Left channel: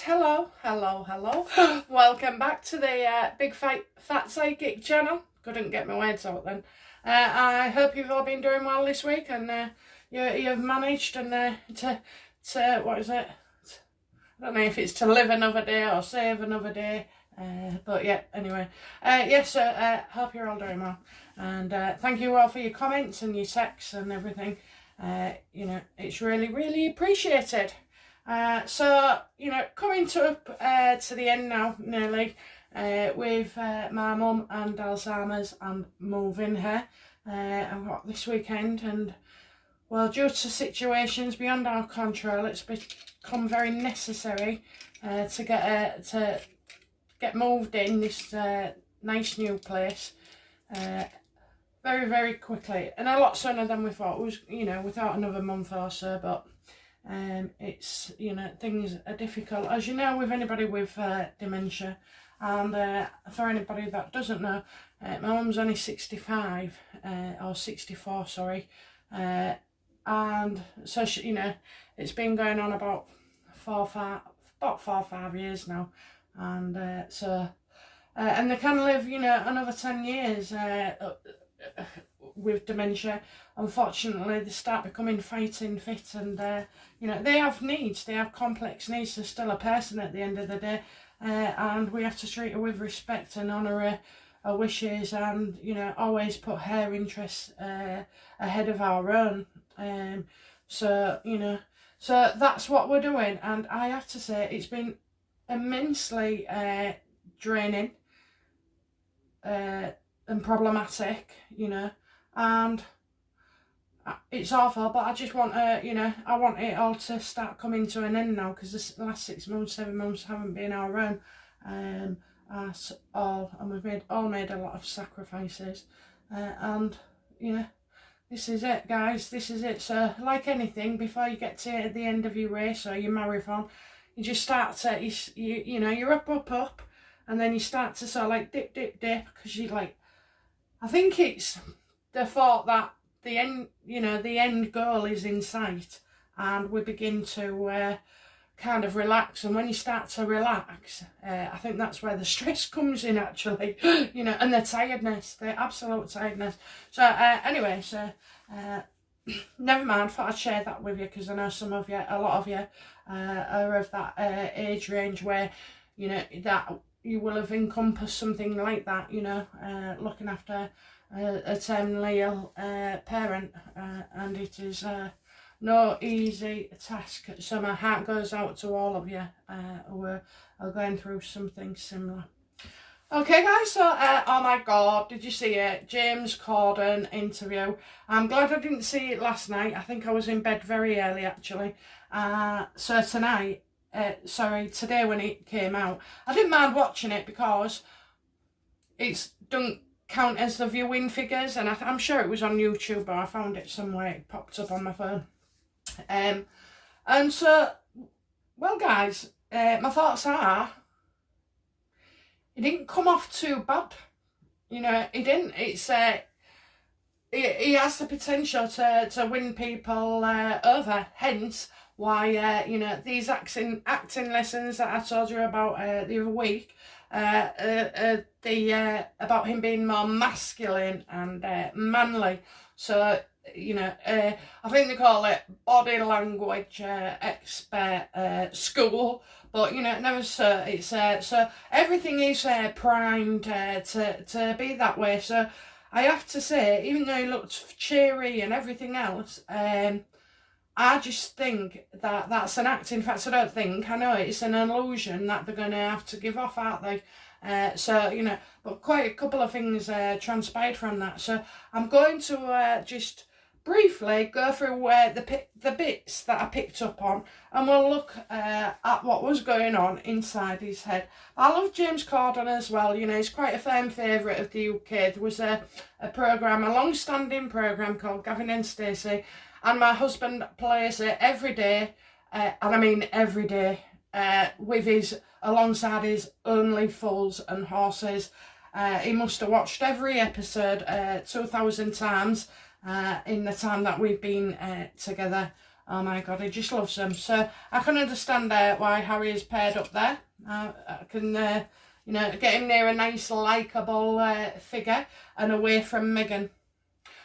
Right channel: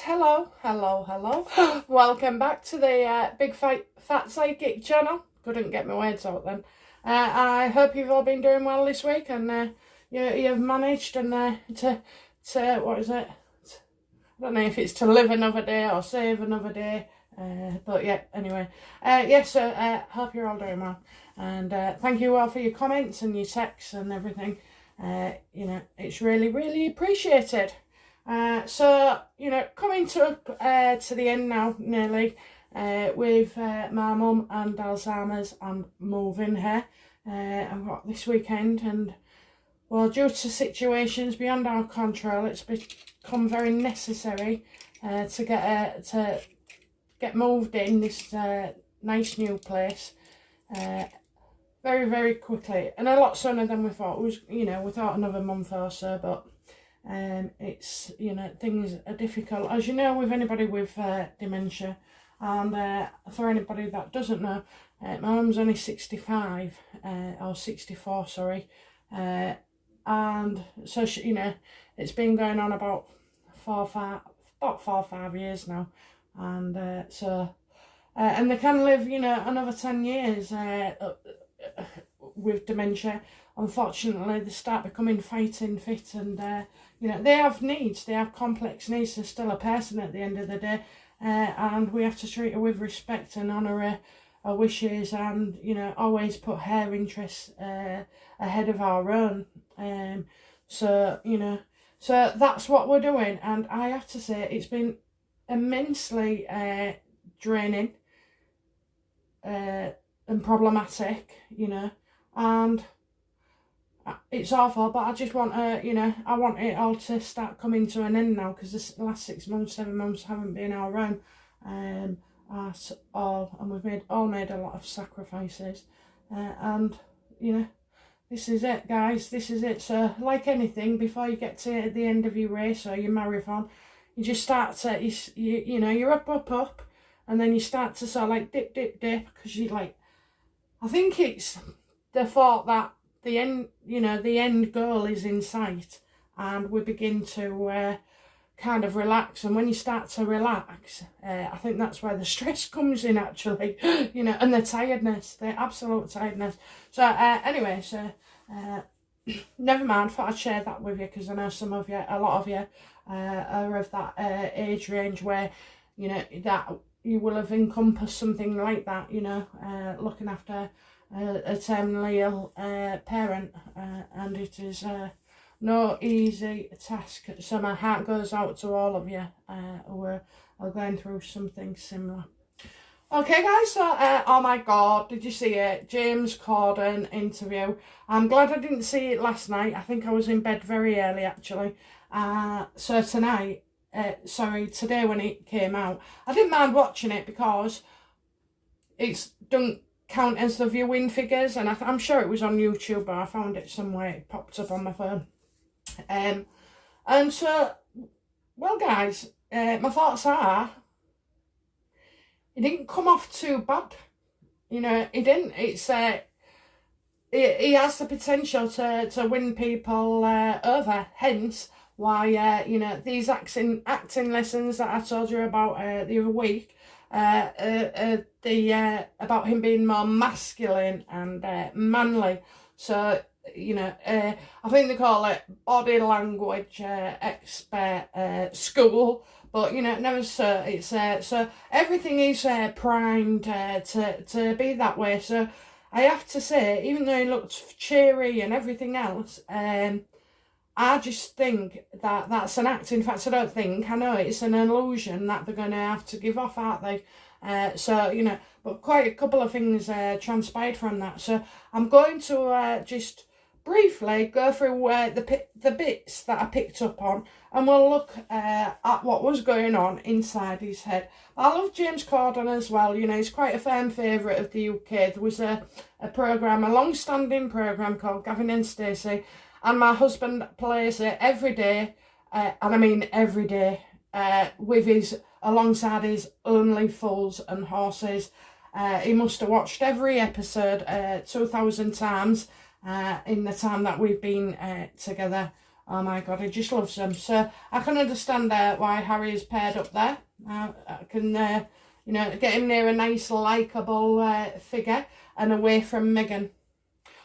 hello. Welcome back to the Big Fat Psychic channel. Couldn't get my words out then. I hope you've all been doing well this week and you've managed and to what is it? I don't know if it's to live another day or save another day. But yeah, anyway. Yes, hope you're all doing well. And thank you all for your comments and your texts and everything. You know, it's really appreciated. So, you know, coming to the end now, nearly, with my mum and Alzheimer's and moving her. I've got this weekend and, well, due to situations beyond our control, it's become very necessary to get moved in this nice new place very quickly, and a lot sooner than we thought. It was, you know, we thought another month or so, but it's, you know, things are difficult, as you know, with anybody with dementia. And for anybody that doesn't know, my mum's only 65 or 64, sorry, and so she, you know, it's been going on about 4 or 5 years now, and so and they can live, you know, another 10 years with dementia. Unfortunately, they start becoming fighting fit, and you know, they have needs, they have complex needs. They're still a person at the end of the day, and we have to treat her with respect and honour her wishes, and, you know, always put her interests ahead of our own. So, you know, so that's what we're doing, and I have to say it's been immensely draining and problematic, you know, and it's awful, but I just want you know, I want it all to start coming to an end now, because this last 6 months, 7 months haven't been our own at all, and we've made a lot of sacrifices, and, you know, this is it, guys, this is it. So, like anything, before you get to the end of your race or your marathon, you just start to, you know, you're up, and then you start to sort of like dip, because you like, I think it's the thought that the end, you know, the end goal is in sight, and we begin to kind of relax. And when you start to relax, I think that's where the stress comes in, actually, you know, and the tiredness, the absolute tiredness. So anyway, so never mind, thought I'd share that with you, because I know some of you, a lot of you are of that age range where, you know, that you will have encompassed something like that, you know, looking after a terminally ill parent, and it is no easy task. So my heart goes out to all of you who are going through something similar. Okay, guys, so oh my god, did you see it? James Corden interview. I'm glad I didn't see it last night. I think I was in bed very early, actually. So tonight, today when it came out, I didn't mind watching it because it's don't count as the viewing figures, and I'm sure it was on YouTube, but I found it somewhere, it popped up on my phone. And so, well, guys, my thoughts are, it didn't come off too bad, you know, it didn't. It's he has the potential to win people over, hence why, you know, these acting lessons that I told you about the other week, about him being more masculine and manly. So, you know, I think they call it body language expert school, but, you know, never so. It's so everything is primed to be that way. So I have to say, even though he looked cheery and everything else, I just think that that's an act. In fact, I know it's an illusion that they're going to have to give off, aren't they? So, you know, but quite a couple of things transpired from that. So I'm going to just briefly go through the bits that I picked up on, and we'll look at what was going on inside his head. I love James Corden as well. You know, he's quite a fan favourite of the UK. There was a long-standing programme called Gavin and Stacey, and my husband plays it every day, and I mean every day, alongside his Only Fools and Horses. He must have watched every episode 2,000 times in the time that we've been together. Oh my God, he just loves them. So I can understand why Harry is paired up there. I can, you know, get him near a nice, likeable figure and away from Meghan.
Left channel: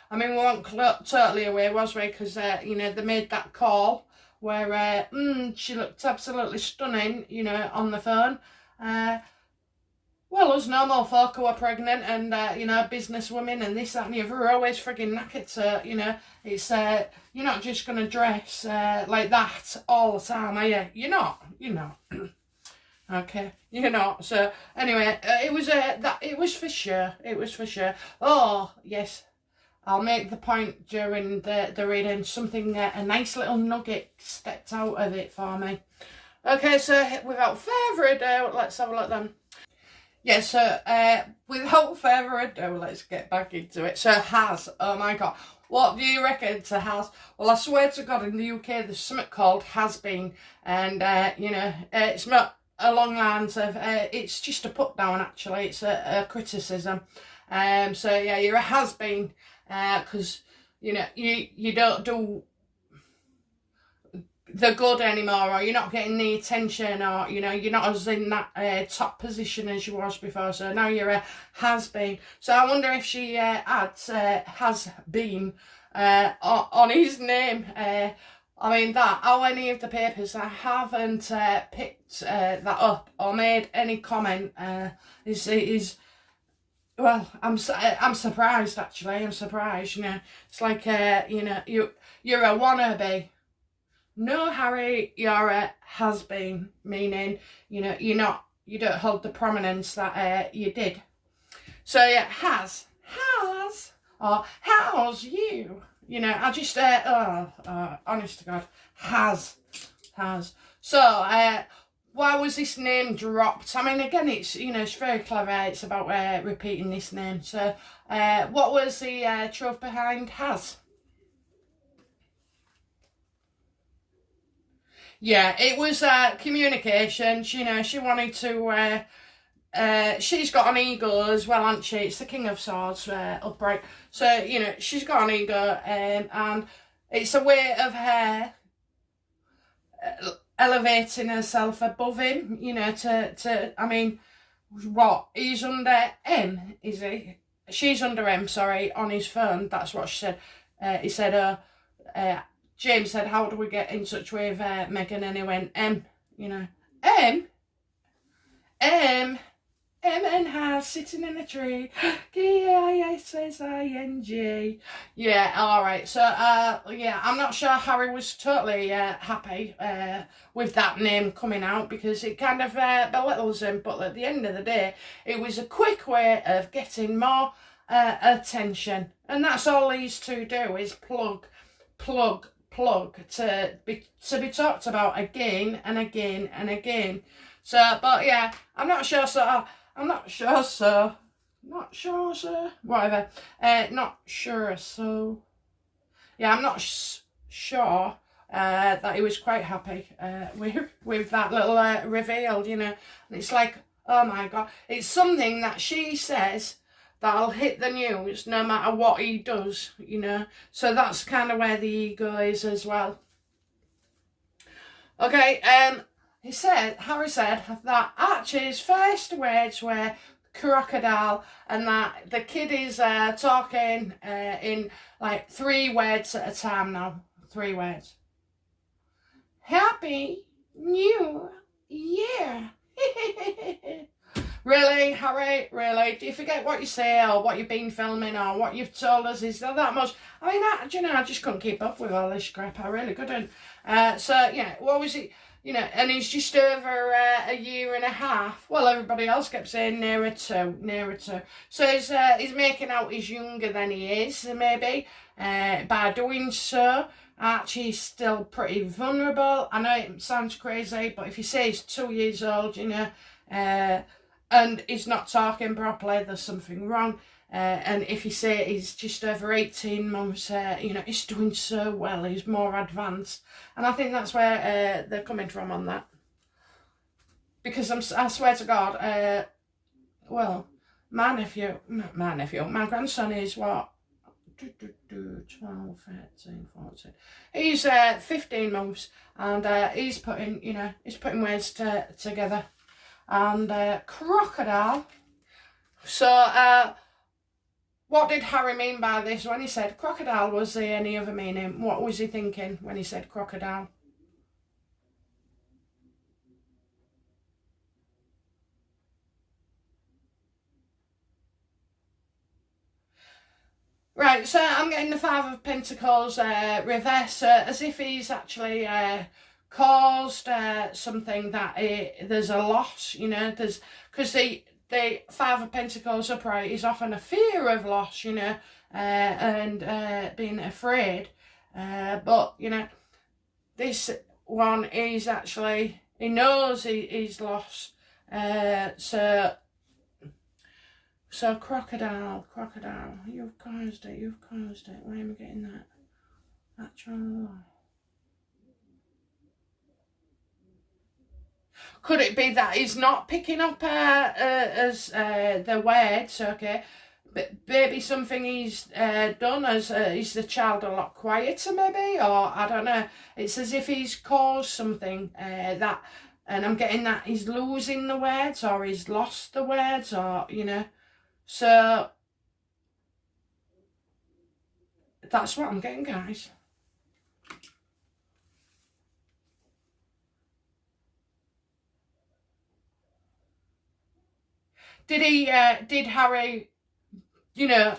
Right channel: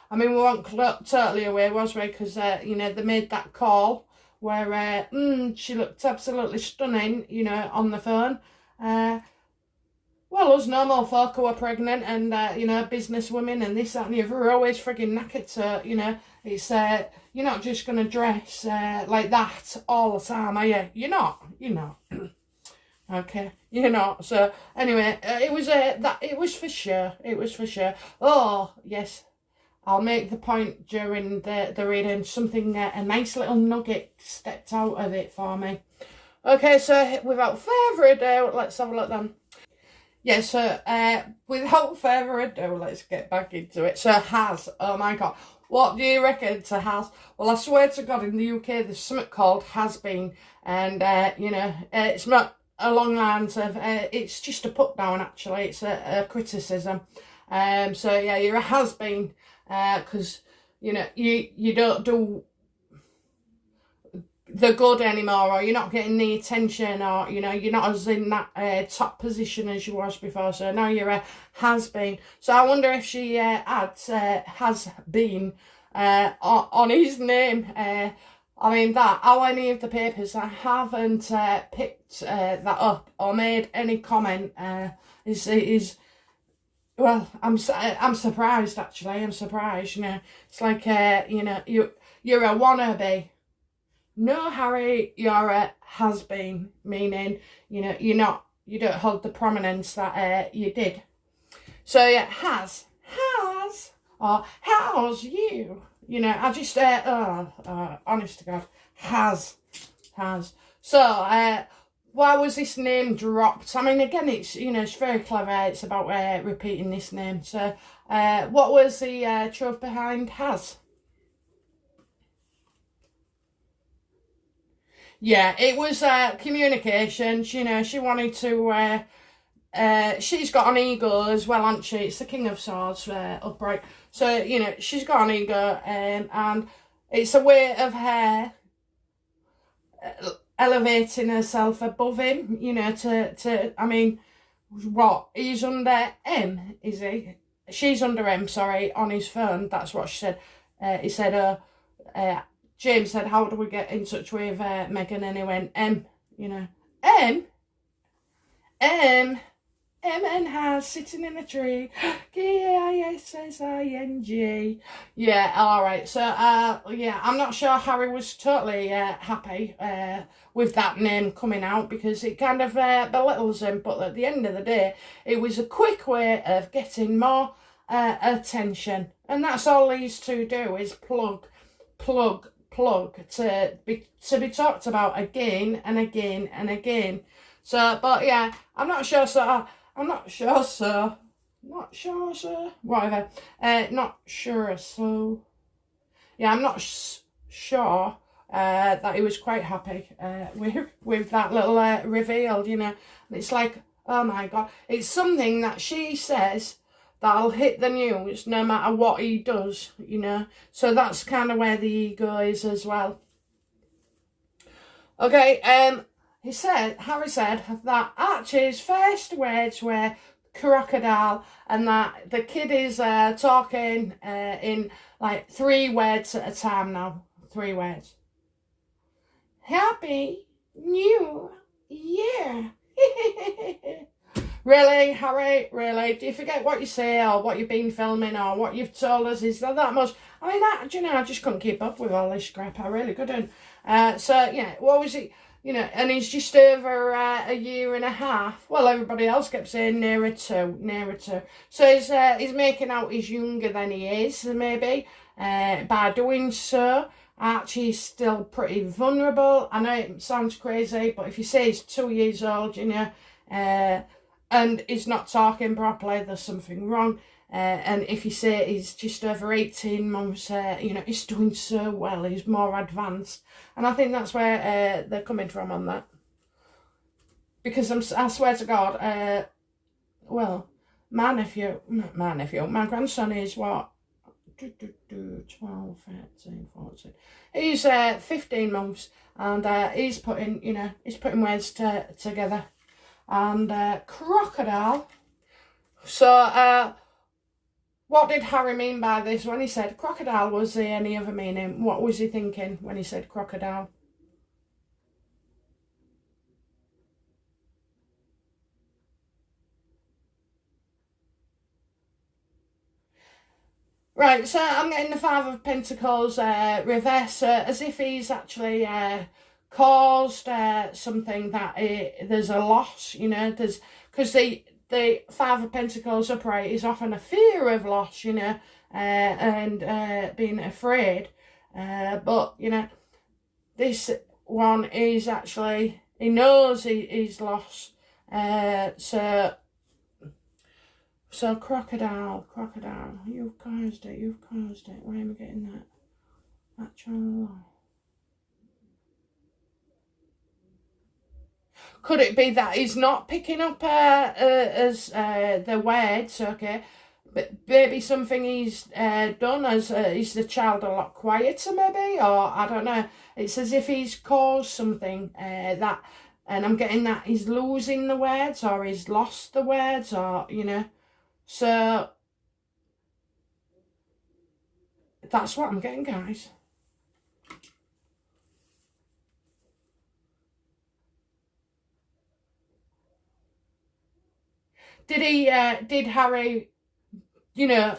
I mean, we weren't totally away, was we? Because, you know, they made that call where she looked absolutely stunning, you know, on the phone. Well, us normal folk who are pregnant and, you know, business women and this, that and the other are always frigging knackered. So, you know, it's, you're not just going to dress like that all the time, are you? You're not. Okay, you're not. So, anyway, it was for sure. It was for sure. Oh, yes. I'll make the point during the reading. Something, a nice little nugget stepped out of it for me. Okay, so without further ado, let's have a look then. Yeah, so without further ado, let's get back into it. So has, oh my God, what do you reckon to has? Well, I swear to God, in the UK, there's something called has been, and you know, it's not along lines of, it's just a put down actually, it's a criticism. So yeah, you're a has been, because you know, you don't do the good anymore, or you're not getting the attention, or you know, you're not as in that top position as you was before, so now you're a has been. So I wonder if she adds has been on his name. I mean, that how any of the papers I haven't picked that up or made any comment is well, I'm surprised actually. I'm surprised. You know, it's like you know, you're a wannabe. No, Harry, you're a has-been, meaning, you know, you don't hold the prominence that you did. So, yeah, has, or how's you? You know, I just, honest to God, has. So, why was this name dropped? I mean, again, it's, you know, it's very clever. It's about repeating this name. So, what was the truth behind has? Yeah, it was communication. You know, she wanted to, she's got an ego as well, hasn't she? It's the King of Swords, upright. So, you know, she's got an ego, and it's a way of her elevating herself above him, you know, I mean, what? He's under M, is he? She's under M, sorry, on his phone. That's what she said. He said, James said, how do we get in touch with Meghan? And he went, you know, M and has sitting in a tree. K-I-S-S-I-N-G. Yeah, all right. So, yeah, I'm not sure Harry was totally happy with that name coming out, because it kind of belittles him. But at the end of the day, it was a quick way of getting more attention. And that's all these two do, is plug to be talked about again and again and again. So, but yeah, I'm not sure, so whatever. Not sure, so yeah, I'm not sure that he was quite happy with that little reveal, you know. And it's like, oh my God, it's something that she says that'll hit the news no matter what he does, you know. So that's kind of where the ego is as well. Okay, Harry said that Archie's first words were crocodile, and that the kid is talking in like 3 words at a time now. 3 words. Happy New Year. Really, Harry? Really? Do you forget what you say, or what you've been filming, or what you've told us? Is that much? I mean, you know, I just couldn't keep up with all this crap. I really couldn't. So, yeah, what was it? You know, and he's just over a year and a half. Well, everybody else kept saying nearer to. So he's making out he's younger than he is, maybe. By doing so, Archie's still pretty vulnerable. I know it sounds crazy, but if you say he's 2 years old, you know, and he's not talking properly, there's something wrong. And if you say he's just over 18 months, you know, he's doing so well, he's more advanced. And I think that's where they're coming from on that. Because I swear to God, well, my grandson is what, 12, 13, 14. He's 15 months, and he's putting, you know, he's putting words together. And crocodile. So what did Harry mean by this when he said crocodile? Was there any other meaning? What was he thinking when he said crocodile? Right, so I'm getting the Five of Pentacles reverse, as if he's actually caused something that there's a loss, you know, there's, because the Five of Pentacles upright is often a fear of loss, you know, and being afraid, but, you know, this one is actually, he knows he's lost, so crocodile, you've caused it, Where am I getting that? Actual. Could it be that he's not picking up as the words, okay? But maybe something he's done as is the child a lot quieter, maybe, or I don't know. It's as if he's caused something that, and I'm getting that he's losing the words, or he's lost the words, or, you know. So that's what I'm getting, guys. Did Harry, you know,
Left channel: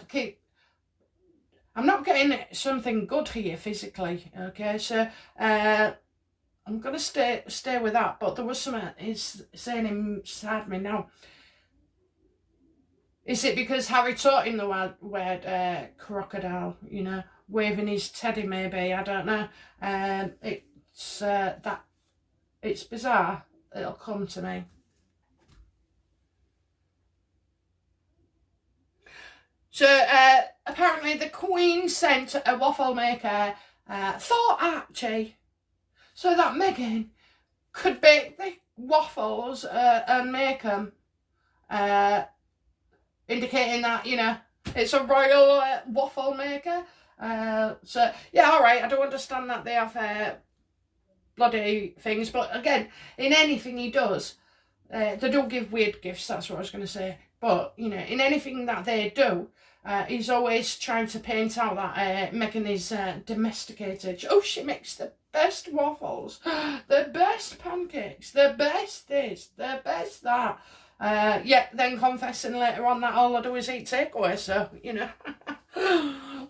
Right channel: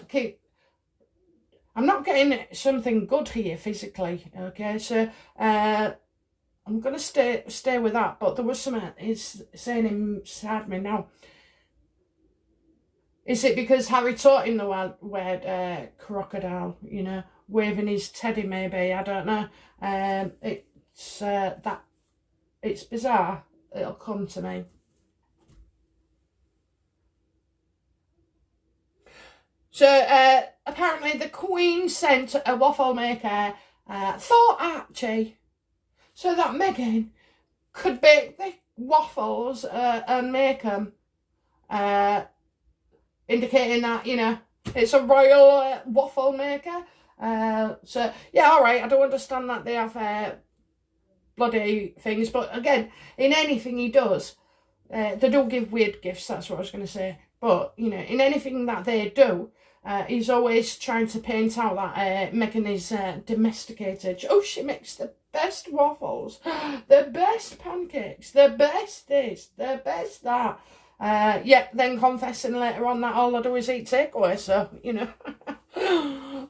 I'm not getting something good here physically, okay? So I'm gonna stay with that, but there was something is saying inside me now. Is it because Harry taught him the word crocodile, you know, waving his teddy maybe, I don't know. It's that, it's bizarre, it'll come to me. So apparently the Queen sent a waffle maker for Archie, so that Meghan could bake the waffles and make them, indicating that, you know, it's a royal waffle maker. So yeah, all right, I do understand that they have bloody things, but again, in anything he does, they don't give weird gifts, that's what I was going to say. But, you know, in anything that they do, he's always trying to paint out that Meghan is domesticated. Oh, she makes the best waffles, the best pancakes, the best this, the best that. Yeah, then confessing later on that all I do is eat takeaway, so, you know.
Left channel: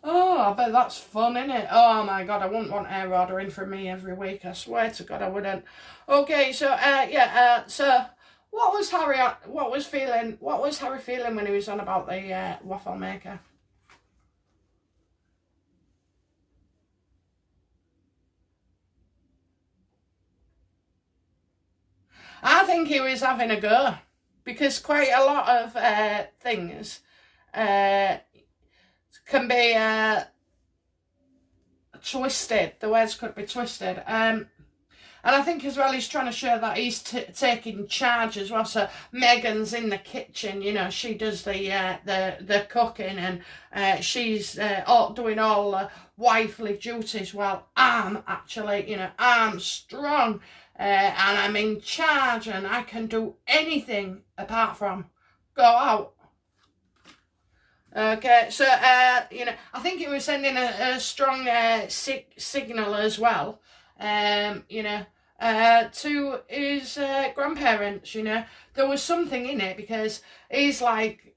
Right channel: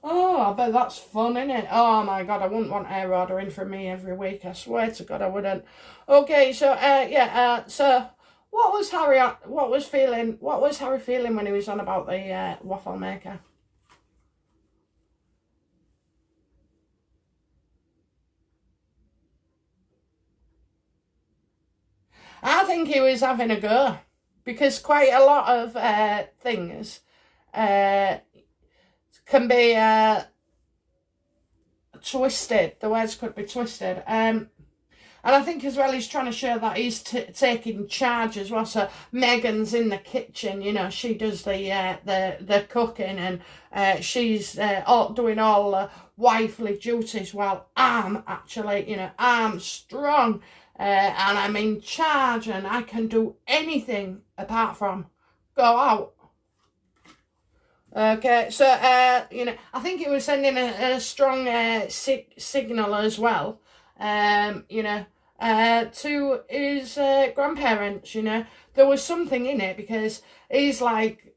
Oh, I bet that's fun, innit? Oh my God, I wouldn't want air ordering from me every week, I swear to God I wouldn't. Okay, so, yeah, so what was Harry feeling when he was on about the waffle maker? I think he was having a go, because quite a lot of things can be twisted. The words could be twisted. And I think as well he's trying to show that he's taking charge as well. So Megan's in the kitchen, you know, she does the cooking, and she's all doing all the wifely duties, while I'm actually, you know, I'm strong. And I'm in charge, and I can do anything apart from go out. Okay, so, you know, I think he was sending a strong signal as well, you know, to his grandparents, you know. There was something in it, because he's like,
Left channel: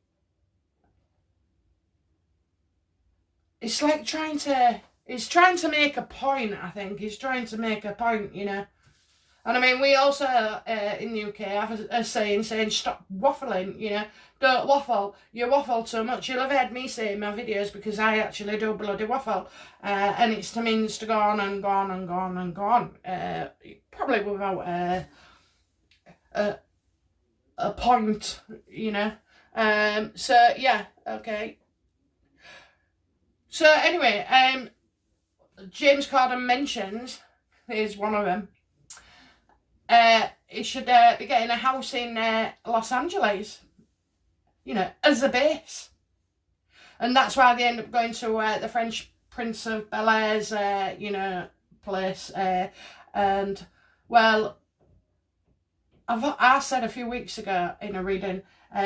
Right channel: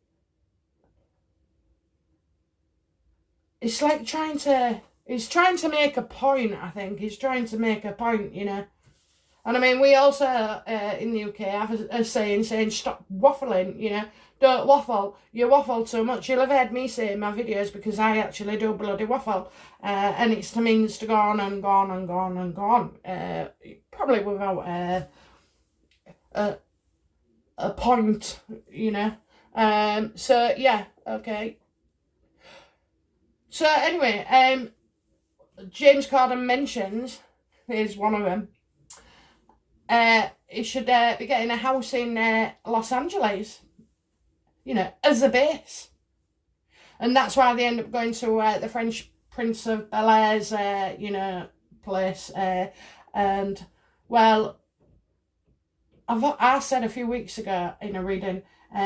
it's like he's trying to make a point, I think. He's trying to make a point, you know. And I mean, we also in the UK have a saying stop waffling, you know. Don't waffle. You waffle too much. You'll have heard me say in my videos, because I actually do bloody waffle. And it's to means to go on and go on and go on and go on. Probably without a point, you know. So, yeah, okay. So, anyway, James Corden mentions, here's one of them, he should be getting a house in Los Angeles, you know, as a base. And that's why they end up going to the French Prince of Bel-Air's, you know, place. And, well, I said a few weeks ago in a reading,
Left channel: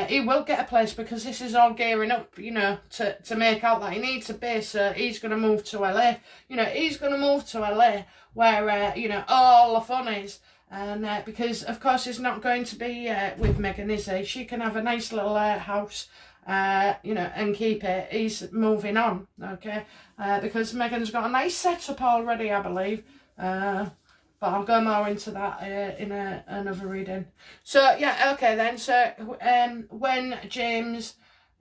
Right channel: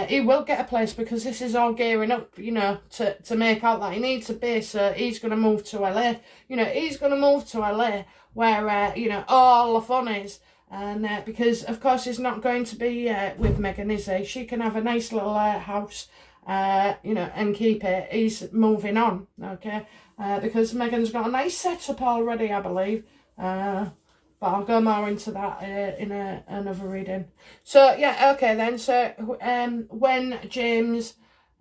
he will get a place because this is all gearing up, you know, to make out that he needs a base. So he's going to move to LA. You know, he's going to move to LA where, you know, all the fun is. And because, of course, he's not going to be with Meghan, is he? She can have a nice little house, you know, and keep it. He's moving on, okay? Because Meghan's got a nice setup already, I believe. But I'll go more into that in another reading. So, yeah, okay then. So, when James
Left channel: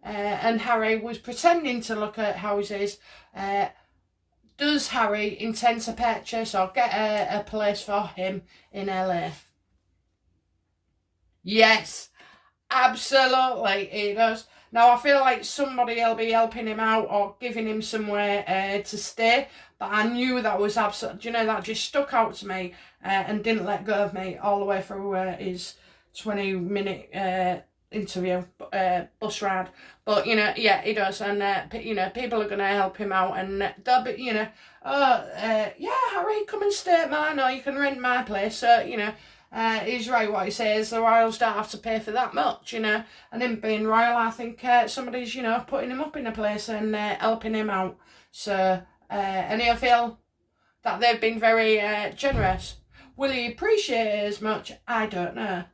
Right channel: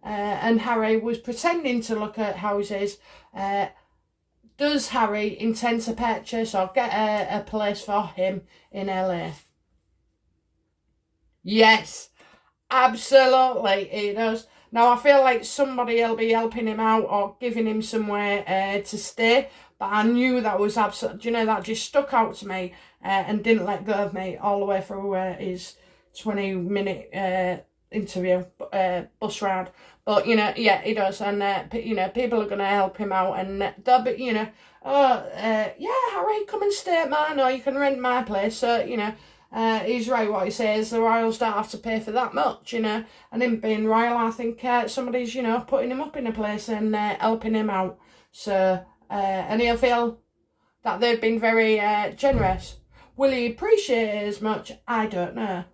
and Harry was pretending to look at houses, does Harry intend to purchase or get a place for him in LA? Yes, absolutely he does. Now, I feel like somebody will be helping him out or giving him somewhere to stay. But I knew that was absolutely, you know, that just stuck out to me and didn't let go of me all the way through his 20-minute interview, bus ride. But, you know, yeah, he does. And, you know, people are going to help him out. And they'll be, you know, yeah, Harry, come and stay at mine, or you can rent my place. So, you know, he's right what he says. The royals don't have to pay for that much, you know. And him being royal, I think somebody's, you know, putting him up in a place and helping him out. So, and he'll feel that they've been very generous. Will he appreciate it as much? I don't know.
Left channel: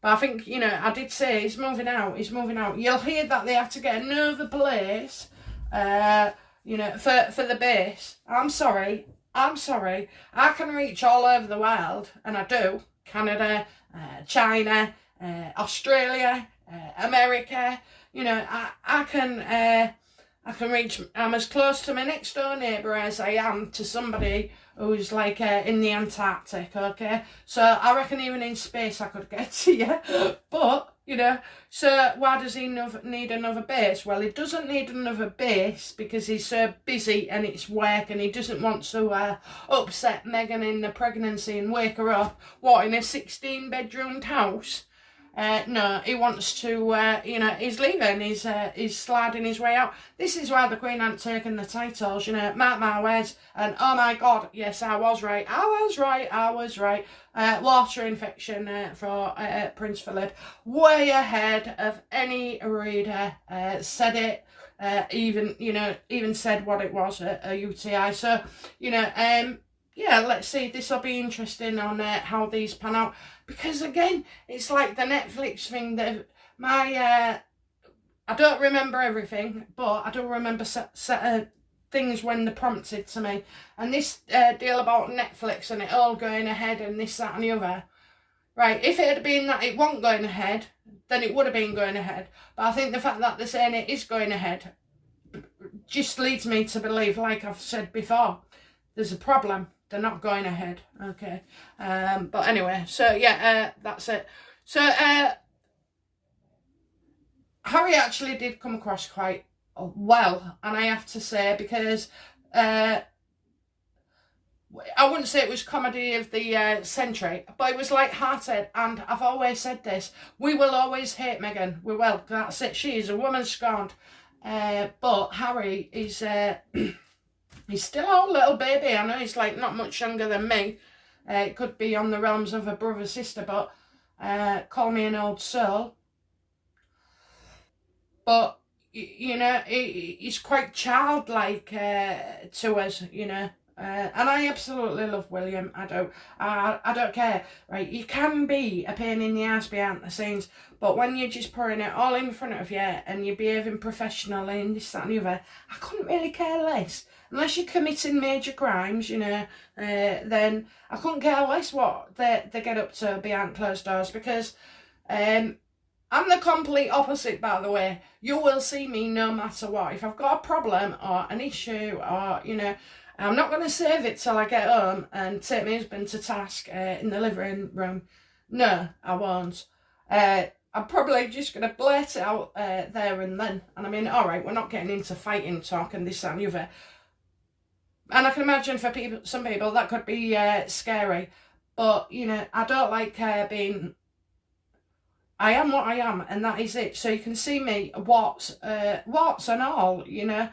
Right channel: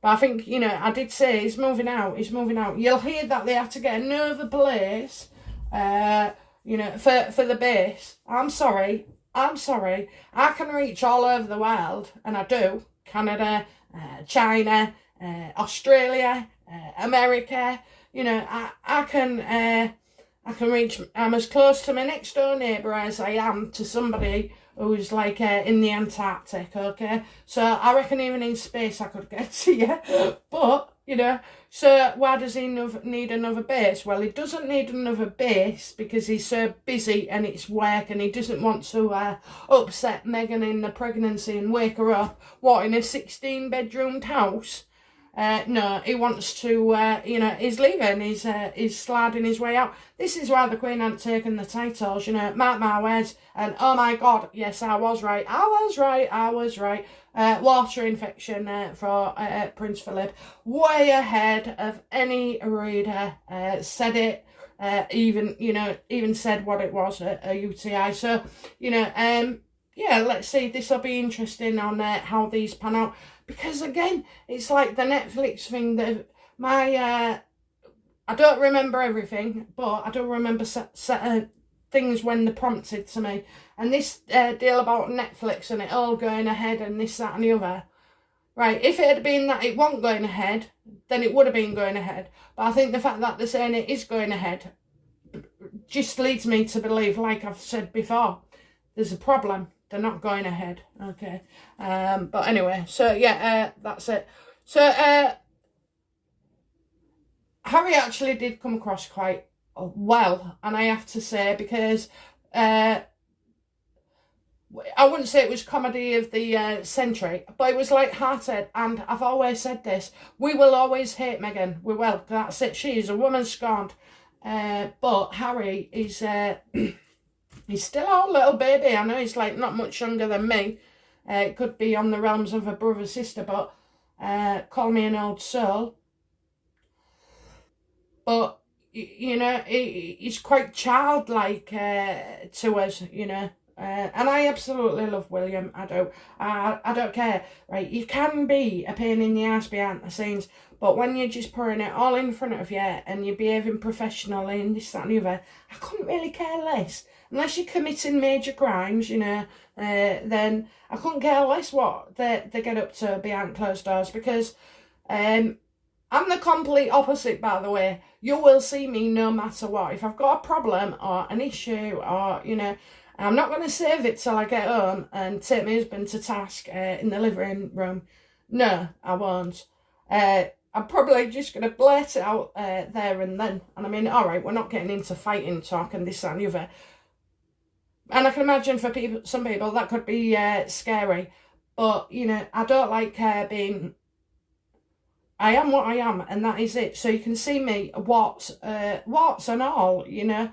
But I think, you know, I did say he's moving out. He's moving out. You'll hear that they have to get another place, you know, for the base. I'm sorry. I can reach all over the world, and I do. Canada, China, Australia, America. You know, I can reach. I'm as close to my next door neighbour as I am to somebody who's like in the Antarctic, okay? So I reckon even in space I could get to you. But, you know, so why does he need another base? Well, he doesn't need another base because he's so busy and it's work, and he doesn't want to upset Meghan in the pregnancy and wake her up, what, in a 16-bedroomed house? No, he wants to, you know, he's leaving, he's sliding his way out. This is why the Queen hadn't taken the titles, you know, mark my words. And oh my God, yes, I was right. Water infection for Prince Philip. Way ahead of any reader said it, even said what it was, a UTI. So, you know, yeah, let's see. This will be interesting on how these pan out. Because again, it's like the Netflix thing that I don't remember everything, but I do remember certain things when they're prompted to me. And this deal about Netflix and it all going ahead and this, that and the other. Right, if it had been that it wasn't going ahead, then it would have been going ahead. But I think the fact that they're saying it is going ahead just leads me to believe, like I've said before, there's a problem. They're not going ahead, okay. But anyway, so yeah, that's it. So Harry actually did come across quite well, and I have to say, because I wouldn't say it was comedy of the century, but it was light-hearted. And I've always said this: we will always hate Meghan. We will. That's it. She is a woman scorned. But Harry is. He's still a little baby. I know he's like not much younger than me. It could be on the realms of a brother sister, but call me an old soul. But you know, he's quite childlike to us, you know. And I absolutely love William. I do. I don't care. Right, you can be a pain in the ass behind the scenes, but when you're just pouring it all in front of you and you're behaving professionally and this, that and the other, I couldn't really care less. Unless you're committing major crimes, you know, then I couldn't care less what they get up to behind closed doors. Because I'm the complete opposite, by the way. You will see me no matter what. If I've got a problem or an issue, or, you know, I'm not going to save it till I get home and take my husband to task in the living room. No, I won't. I'm probably just going to blurt it out there and then. And I mean, all right, we're not getting into fighting talk and this, that and the other. And I can imagine for some people that could be scary. But, you know, I don't like being I am what I am, and that is it. So you can see me, warts and all, you know.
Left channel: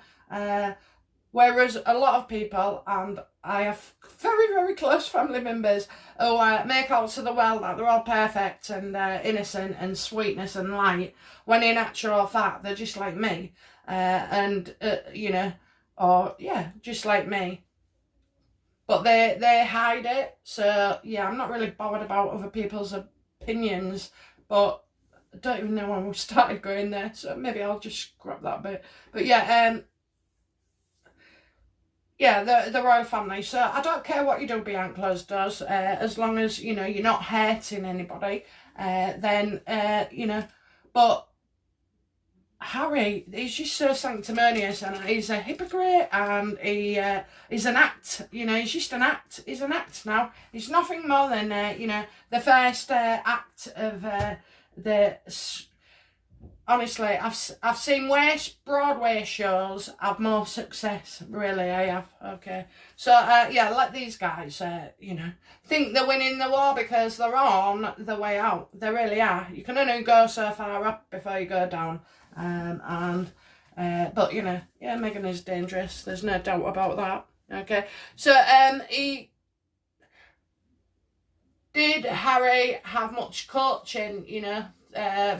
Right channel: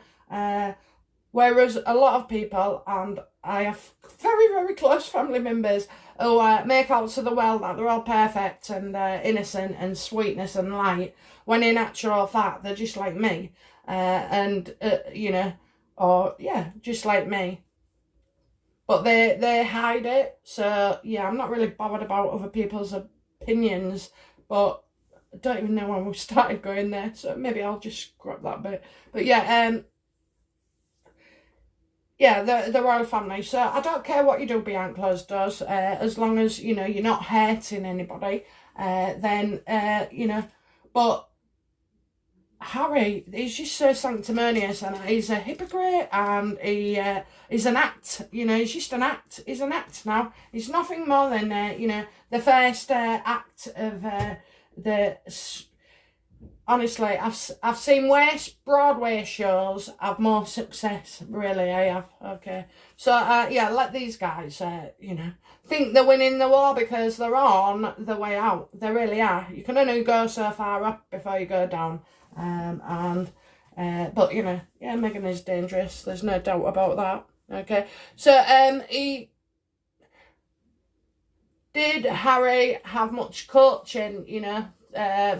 Whereas a lot of people, and I have very, very close family members who make out to the world that they're all perfect and innocent and sweetness and light, when in actual fact they're just like me, you know, or yeah, just like me. But they hide it. So yeah, I'm not really bothered about other people's opinions, but I don't even know when we started going there, so maybe I'll just scrap that bit. But yeah, yeah, the royal family. So I don't care what you do behind closed doors, as long as, you know, you're not hurting anybody, then, you know. But Harry, he's just so sanctimonious, and he's a hypocrite, and he's an act, you know. He's just an act. He's an act now. He's nothing more than, you know, the first act of the... Honestly, I've seen worse Broadway shows have more success. Really, I have. Okay, so yeah, let these guys, you know, think they're winning the war because they're on the way out. They really are. You can only go so far up before you go down. But you know, yeah, Meghan is dangerous. There's no doubt about that. Okay, so did Harry have much coaching, you know,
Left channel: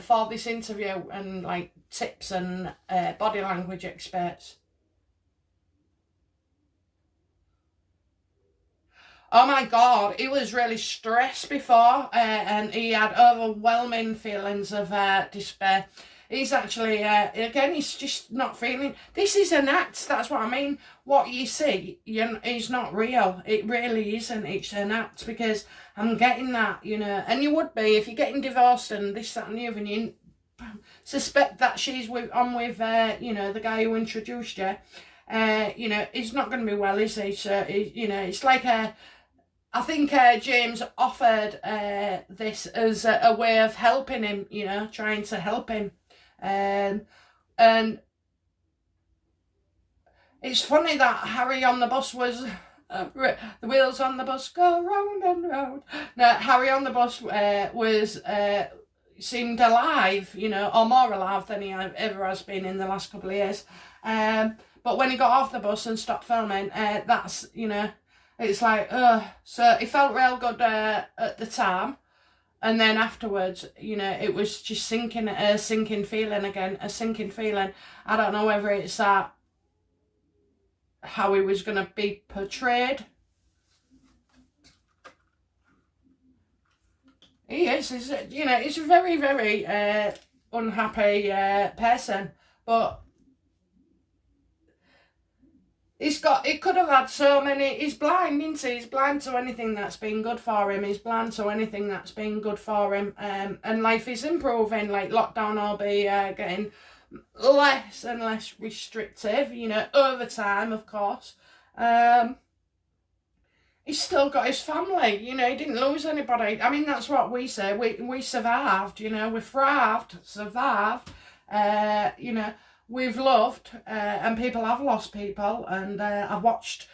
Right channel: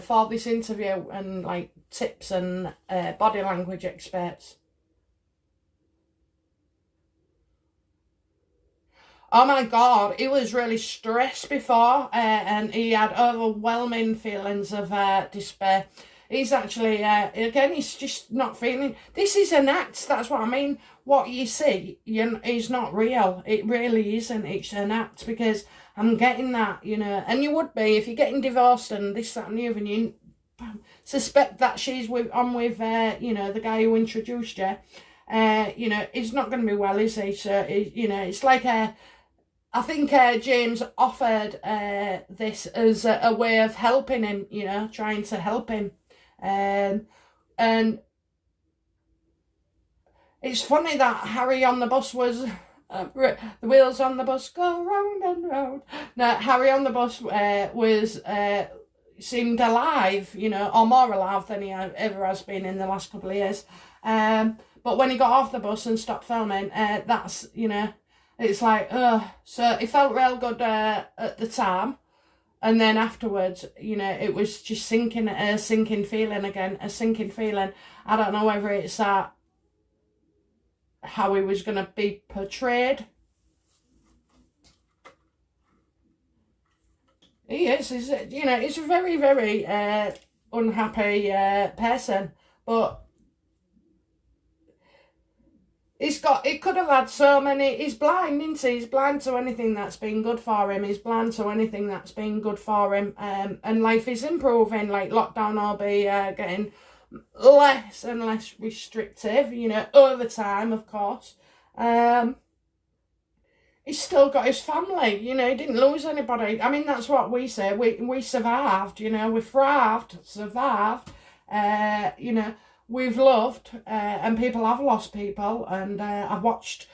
for this interview, and like tips and body language experts? Oh my God, he was really stressed before, and he had overwhelming feelings of despair. He's actually, again, he's just not feeling. This is an act, that's what I mean. What you see is not real. It really isn't. It's an act, because I'm getting that, you know. And you would be if you're getting divorced and this, that and the other, and you suspect that she's on with, you know, the guy who introduced you. You know, he's not going to be well, is he? So, you know, it's like I think James offered this as a way of helping him, you know, trying to help him. And it's funny that Harry on the bus was, the wheels on the bus go round and round. No, Harry on the bus was, seemed alive, you know, or more alive than he ever has been in the last couple of years. But when he got off the bus and stopped filming, that's, you know, it's like, so it felt real good at the time. And then afterwards, you know, it was just a sinking feeling again, a sinking feeling. I don't know whether it's that, how he was going to be portrayed. He is, you know, he's a very, very unhappy person. But he could have had so many. He's blind, isn't he? He's blind to anything that's been good for him. He's blind to anything that's been good for him. And life is improving. Like, lockdown will be getting less and less restrictive, you know, over time, of course. He's still got his family, you know. He didn't lose anybody. I mean, that's what we say. We survived, you know. We thrived, survived, you know. We've loved, and people have lost people, and I've watched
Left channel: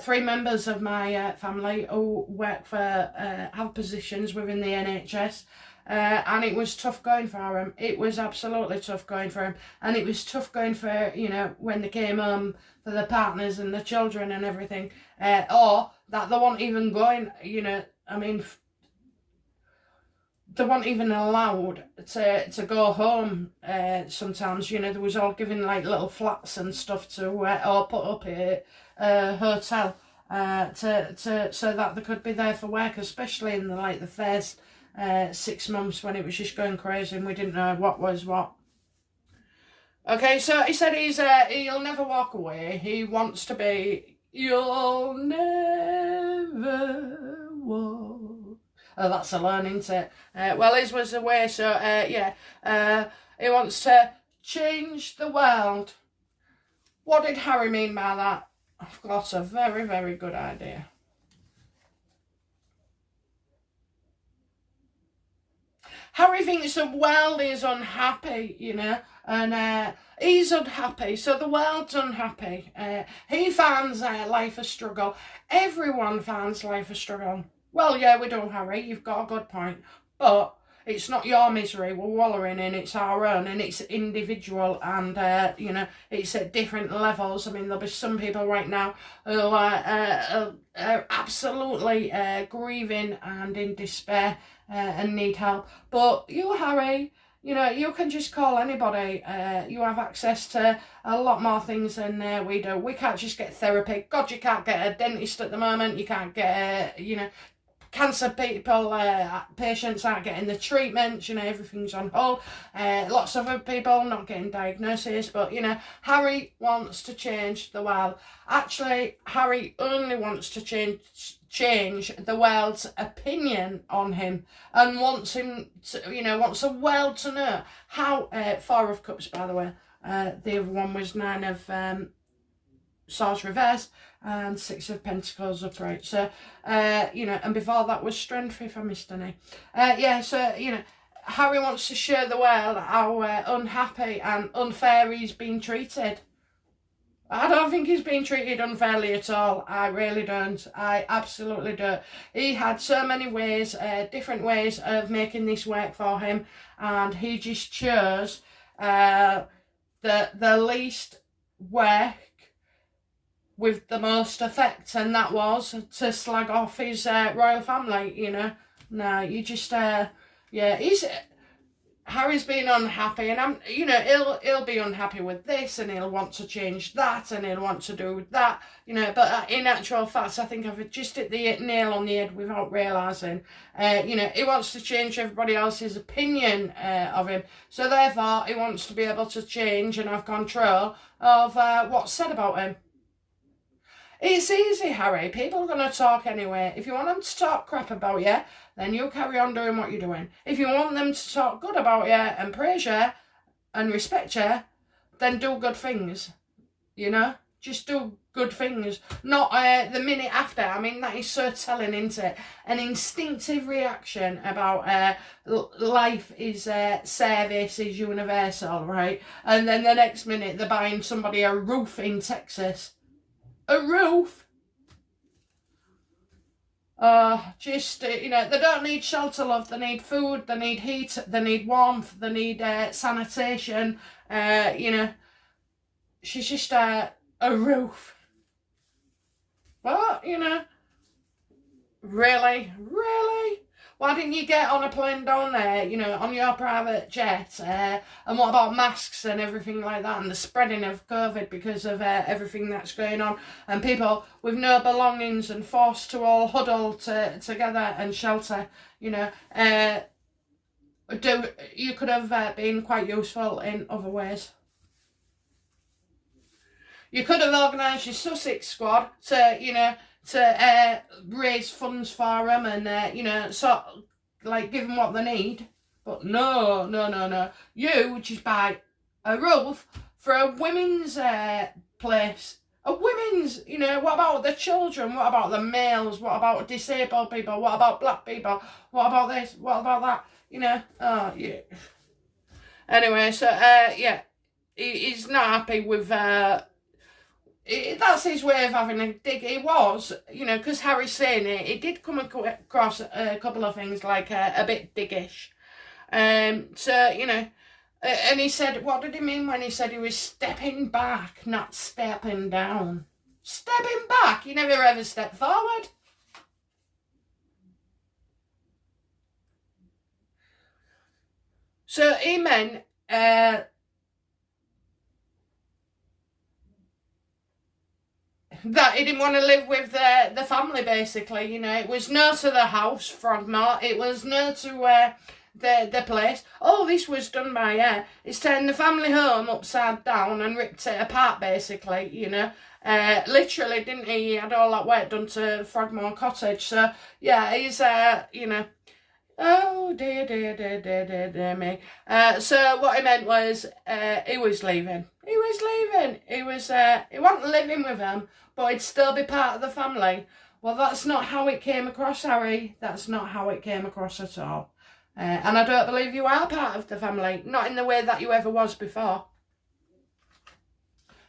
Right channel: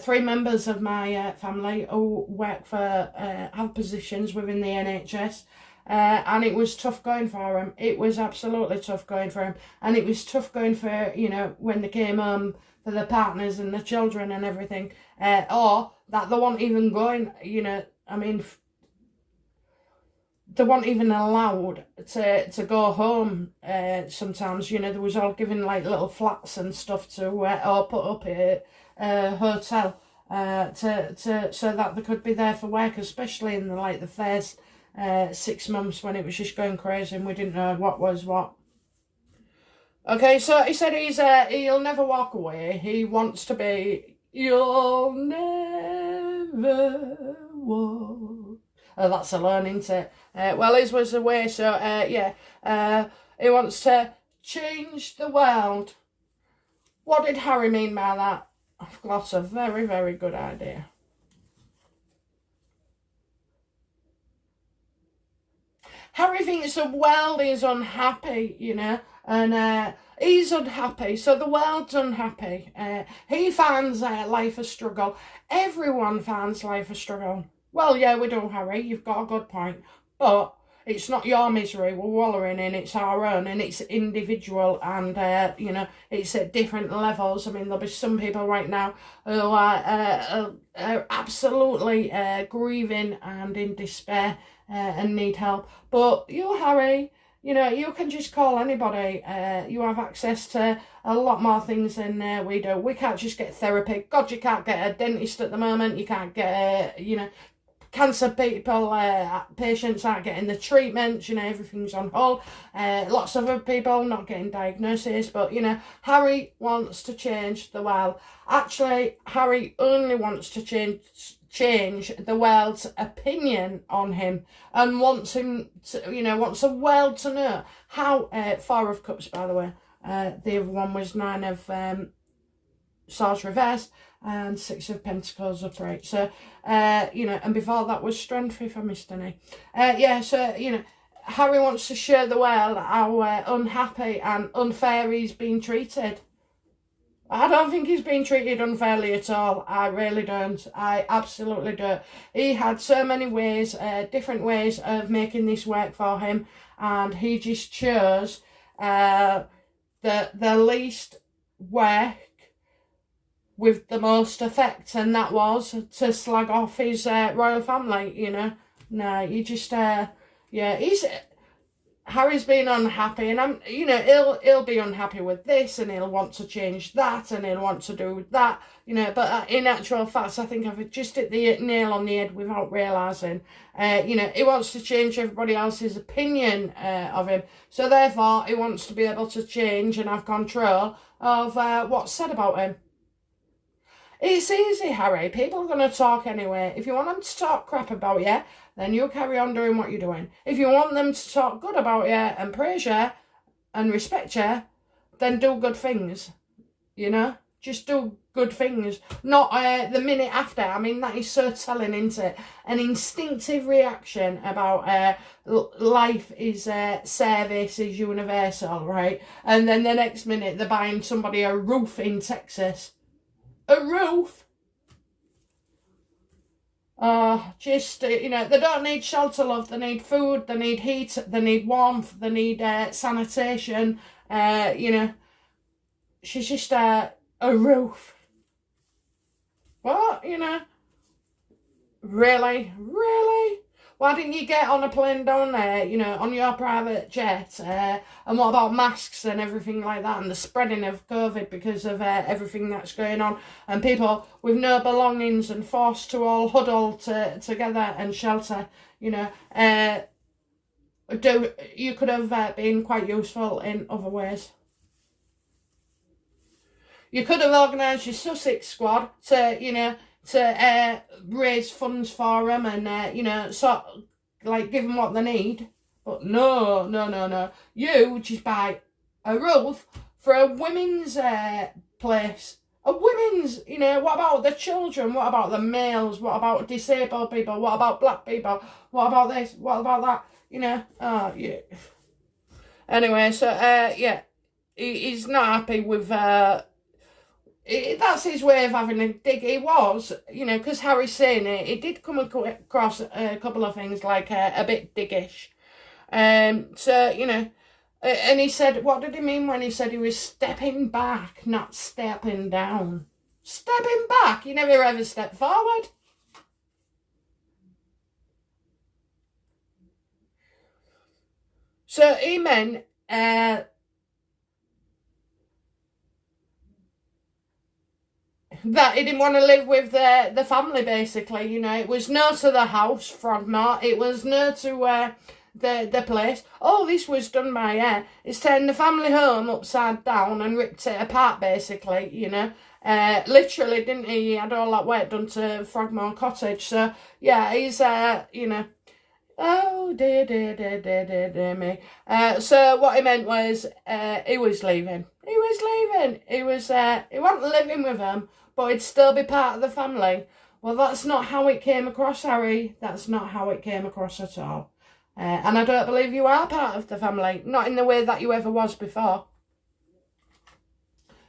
3 members of my family who work for, have positions within the NHS, and it was tough going for them. It was absolutely tough going for them, and it was tough going for, you know, when they came home for their partners and the children and everything, or that they weren't even going, you know, I mean, they weren't even allowed to go home sometimes, you know. They was all given like little flats and stuff to or put up at a hotel so that they could be there for work, especially in the first 6 months when it was just going crazy and we didn't know what was what. Okay, so he said he'll never walk away. He wants to be, you'll never walk. Oh, that's a learn, isn't it? Well, his was away, so yeah. He wants to change the world. What did Harry mean by that? I've got a very, very good idea. Harry thinks the world is unhappy, you know, and he's unhappy, so the world's unhappy. He finds life a struggle. Everyone finds life a struggle. Well, yeah, we do, Harry. You've got a good point. But it's not your misery we're wallowing in, it's our own, and it's individual, and you know, it's at different levels. I mean, there'll be some people right now who are absolutely grieving and in despair and need help. But you, Harry, you know, you can just call anybody. You have access to a lot more things than we do. We can't just get therapy. God, you can't get a dentist at the moment. You can't get, you know, cancer people, patients aren't getting the treatments. You know, everything's on hold. Lots of other people not getting diagnoses. But, you know, Harry wants to change the world. Actually, Harry only wants to change the world's opinion on him, and wants him to, you know, wants the world to know how, Four of Cups, by the way, the other one was Nine of Swords reversed and Six of Pentacles upright. So, you know, and before that was Strength, if I missed any. Yeah, so, you know, Harry wants to show the world how unhappy and unfair he's been treated. I don't think he's been treated unfairly at all. I really don't. I absolutely don't. He had so many ways, different ways of making this work for him, and he just chose the least work with the most effect, and that was to slag off his royal family, you know. No, you just, yeah, Harry's been unhappy, and you know, he'll be unhappy with this, and he'll want to change that, and he'll want to do that, you know. But in actual fact, I think I've just hit the nail on the head without realising. You know, he wants to change everybody else's opinion of him, so therefore he wants to be able to change and have control of what's said about him. It's easy, Harry. People are going to talk anyway. If you want them to talk crap about you, then you carry on doing what you're doing. If you want them to talk good about you and praise you and respect you, then do good things, you know? Just do good things. Not the minute after. I mean, that is so telling, isn't it? An instinctive reaction about life is service is universal, right? And then the next minute they're buying somebody a roof in Texas. A roof? Just, you know, they don't need shelter, love. They need food, they need heat, they need warmth, they need sanitation. You know, she's just a roof. But, you know, really? Why didn't you get on a plane down there, you know, on your private jet? And what about masks and everything like that, and the spreading of COVID because of everything that's going on, and people with no belongings and forced to all huddle together and shelter, you know? You could have been quite useful in other ways. You could have organised your Sussex squad to, you know, to raise funds for them and, you know, sort of, like, give them what they need. But no. You just buy a roof for a women's place. A women's, you know, what about the children? What about the males? What about disabled people? What about black people? What about this? What about that? You know, oh, yeah. Anyway, so, yeah, he's not happy with... that's his way of having a dig. He was, you know, because Harry's saying it, it did come across a couple of things like a bit diggish. So, you know, and he said, what did he mean when he said he was stepping back, not stepping down? Stepping back? He never ever stepped forward. So he meant... that he didn't want to live with the family, basically, you know. It was no to the house, Frogmore. It was no to the place. All this was done by it's turned the family home upside down and ripped it apart, basically, you know. Literally, didn't he? He had all that work done to Frogmore Cottage. So, yeah, he's, you know... Oh, dear me. So what he meant was he was leaving. He wasn't living with them, but he'd still be part of the family. Well, that's not how it came across, Harry. That's not how it came across at all. And I don't believe you are part of the family. Not in the way that you ever was before.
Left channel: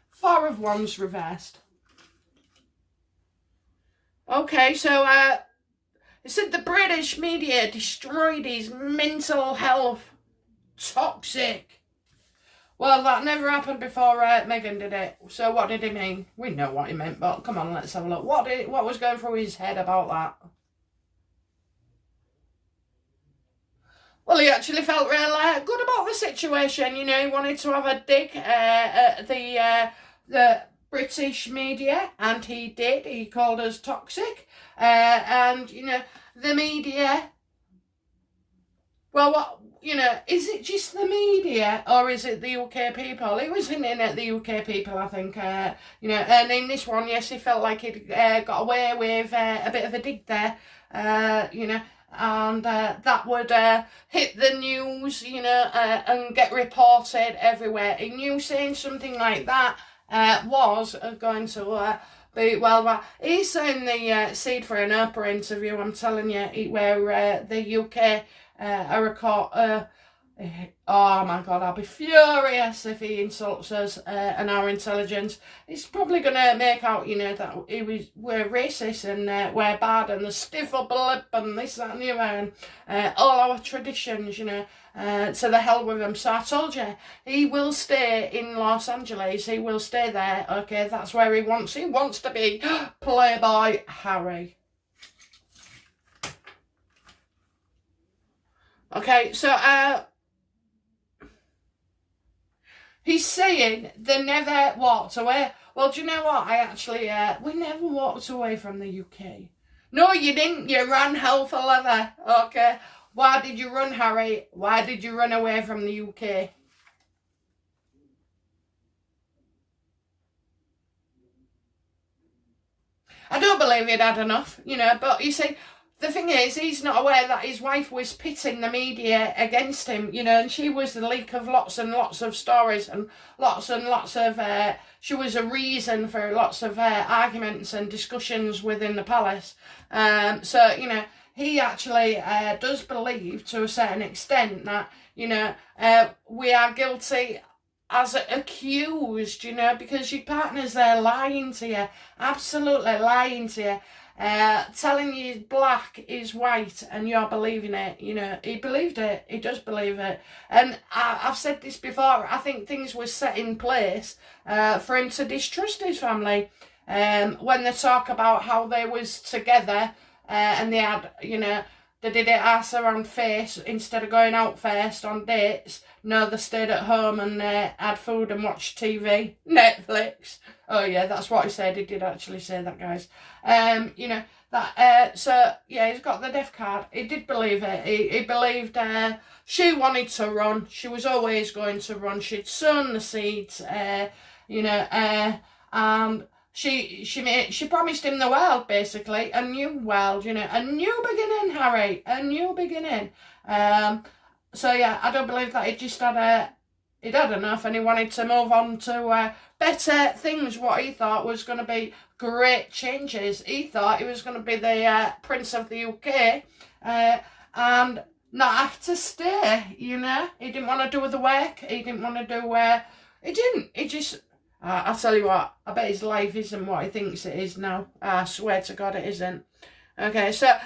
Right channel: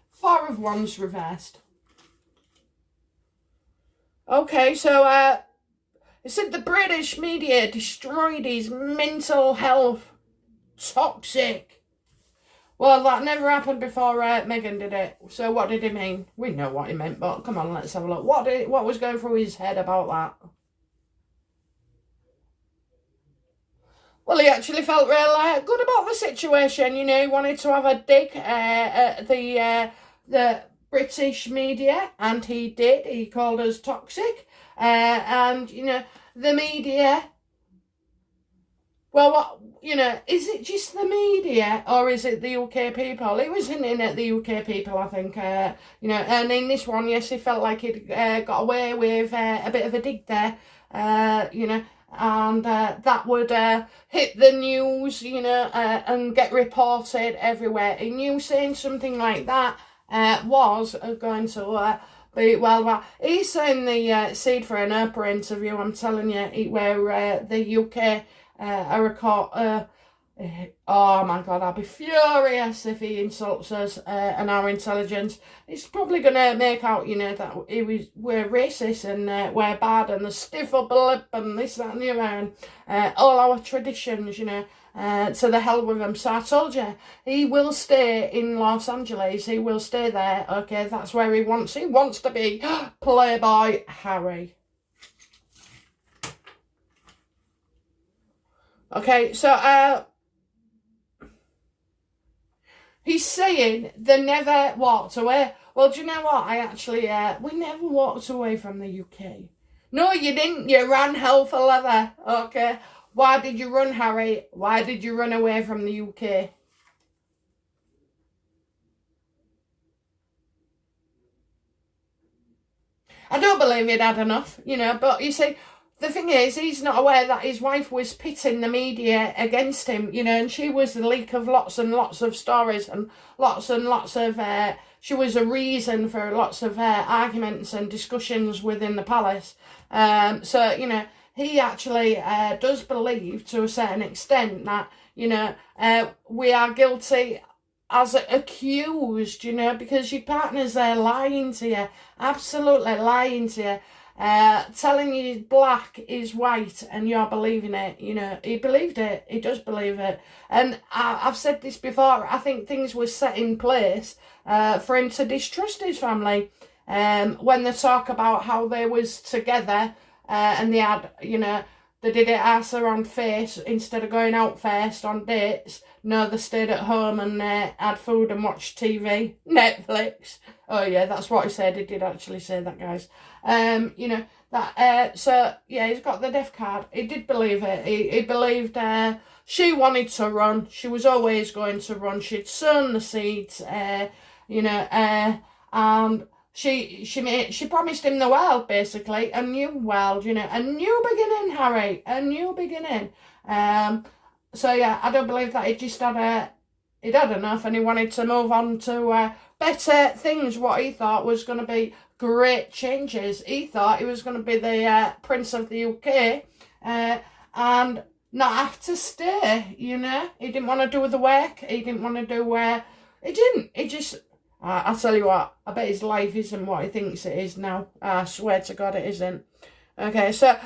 Four of Wands reversed. Okay, so... It said the British media destroyed his mental health. Toxic. Well, that never happened before Meghan did it. So what did he mean? We know what he meant, but come on, let's have a look. What was going through his head about that? Well, he actually felt real good about the situation. You know, he wanted to have a dig at the British media, and he did. He called us toxic. And, you know, the media... Well, what, you know, is it just the media or is it the UK people? He was hinting at the UK people, I think, you know, and in this one, yes, he felt like he'd got away with a bit of a dig there, you know, and that would hit the news, you know, and get reported everywhere. He knew saying something like that was going to... well, he's in the seed for an Oprah interview, I'm telling you, where the UK... oh my God, I'll be furious if he insults us and our intelligence. He's probably going to make out, you know, that we're racist and we're bad and the stiff upper lip and this, that and the other, and all our traditions, you know, to the hell with him. So I told you, he will stay in Los Angeles. He will stay there, okay? That's where he wants to be Playboy Harry. Okay, so he's saying they never walked away. Well, do you know what? I actually, we never walked away from the UK. No, you didn't. You ran hell for leather. Okay, why did you run, Harry? Why did you run away from the UK? I don't believe he'd had enough, you know, but you see... The thing is, he's not aware that his wife was pitting the media against him, you know, and she was the leak of lots and lots of stories and lots of, she was a reason for lots of arguments and discussions within the palace. So, you know, he actually does believe to a certain extent that, you know, we are guilty as accused, you know, because your partner's there lying to you, absolutely lying to you. Telling you black is white and you're believing it, you know. He believed it. He does believe it. And I've said this before, I think things were set in place for him to distrust his family. When they talk about how they was together and they had, you know, they did it ass around face instead of going out first on dates. No, they stayed at home and had food and watched TV. Netflix. Oh yeah, that's what he said. He did actually say that, guys. You know, that, so, yeah, he's got the death card. He did believe it. He believed she wanted to run. She was always going to run. She'd sown the seeds, you know, and she promised him the world, basically, a new world, you know, a new beginning, Harry, a new beginning. So, yeah, I don't believe that he just had he'd had enough and he wanted to move on to better things, what he thought was going to be great changes. He thought he was going to be the Prince of the UK and not have to stay, you know. He didn't want to do the work. He didn't want to do... he didn't. He just... I'll tell you what, I bet his life isn't what he thinks it is now. I swear to God it isn't. Okay, so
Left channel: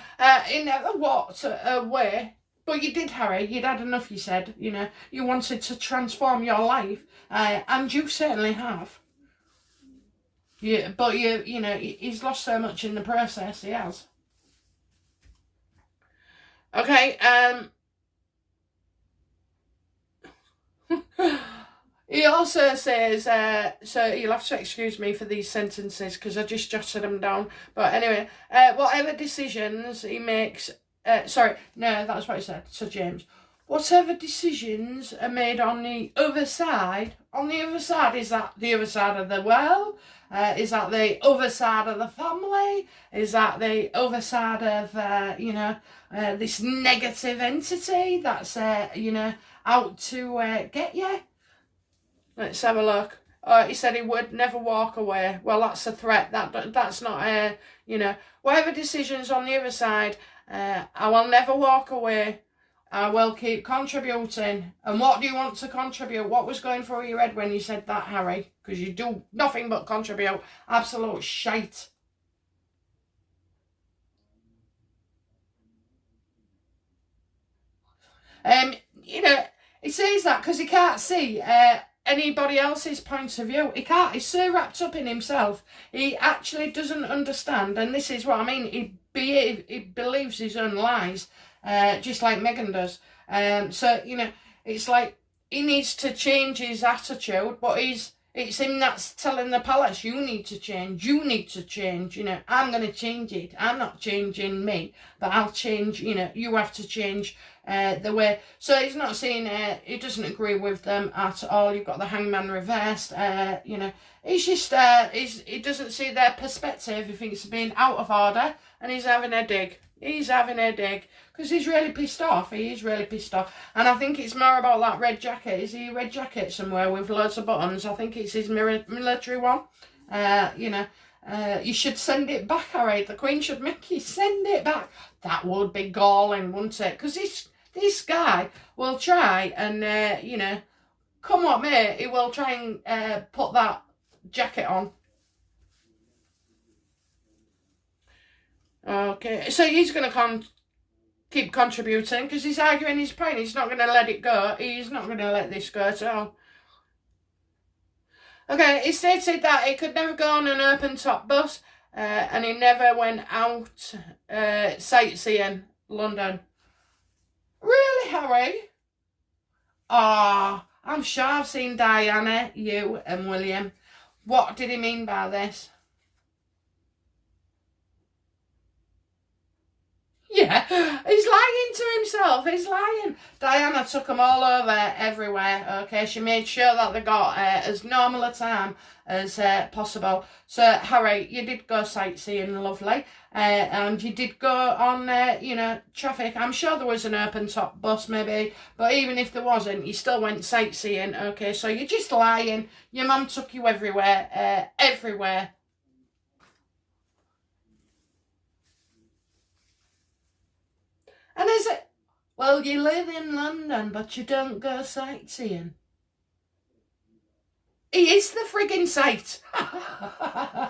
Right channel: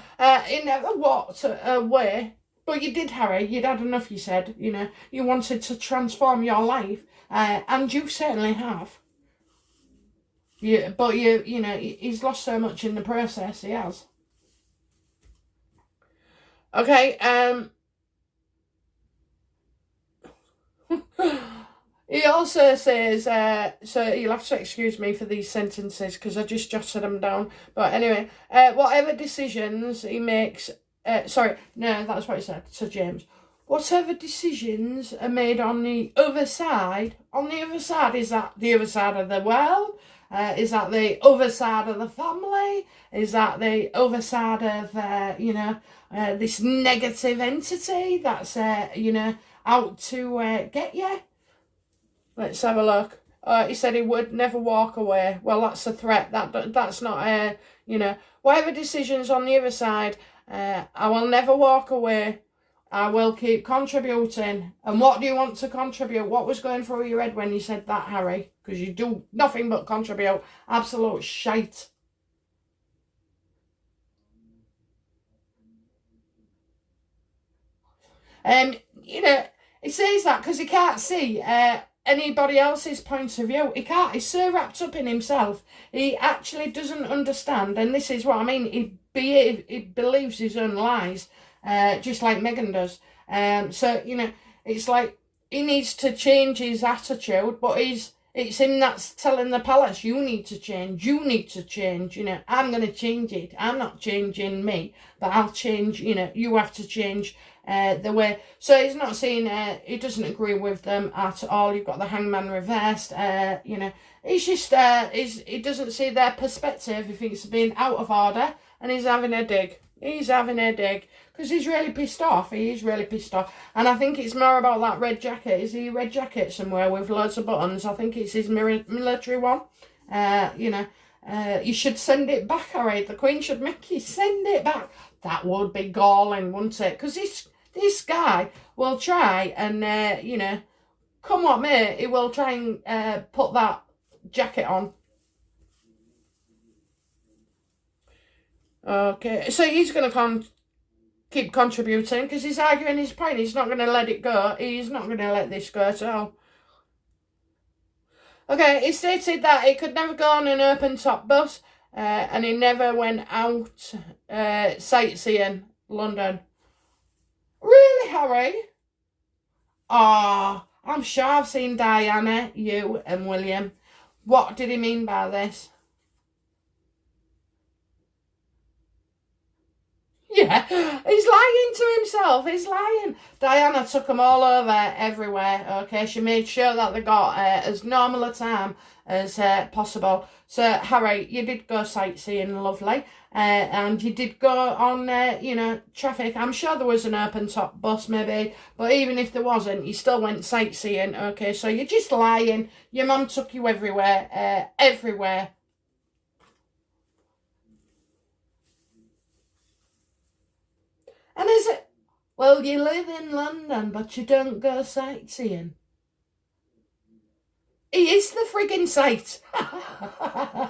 he never walked away. But you did, Harry. You'd had enough, you said. You know, you wanted to transform your life. And you certainly have. But you know, he's lost so much in the process, he has. Okay, he also says, so you'll have to excuse me for these sentences because I just jotted them down. But anyway, whatever decisions he makes, sorry, no, that's what he said to James. Whatever decisions are made on the other side, is that the other side of the world? Is that the other side of the family? Is that the other side of, you know, this negative entity that's, you know, out to get you? Let's have a look. He said he would never walk away. Well, that's a threat. That's not, you know, whatever decisions on the other side, I will never walk away. I will keep contributing. And what do you want to contribute? What was going through your head when you said that, Harry? Because you do nothing but contribute. Absolute shite. You know, he says that because he can't see anybody else's point of view. He can't. He's so wrapped up in himself. He actually doesn't understand. And this is what I mean. He believes his own lies, just like Meghan does. So, you know, it's like he needs to change his attitude, but it's him that's telling the palace, you need to change, you know, I'm going to change it. I'm not changing me, but I'll change, you know, you have to change the way. So he's not saying, he doesn't agree with them at all. You've got the Hangman reversed, you know, he's just, he doesn't see their perspective. He thinks being out of order, and he's having a dig. He's having a dig. Because he's really pissed off. He is really pissed off. And I think it's more about that red jacket. Is he a red jacket somewhere with loads of buttons? I think it's his military one. You know, you should send it back, Harry. The Queen should make you send it back. That would be galling, wouldn't it? Because this guy will try and, you know, come what may, he will try and put that jacket on. Okay, so he's going to keep contributing because he's arguing his point. He's not going to let it go. He's not going to let this go at all. Okay, he stated that he could never go on an open top bus and he never went out sightseeing London. Really, Harry? Ah, I'm sure I've seen Diana, you and William. What did he mean by this? Yeah, he's lying to himself. He's lying. Diana took them all over everywhere, okay? She made sure that they got as normal a time as possible. So, Harry, you did go sightseeing, lovely. And you did go on, you know, traffic. I'm sure there was an open-top bus, maybe. But even if there wasn't, you still went sightseeing, okay? So you're just lying. Your mum took you everywhere, everywhere. And is it, well, you live in London, but you don't go sightseeing. He is the frigging sight.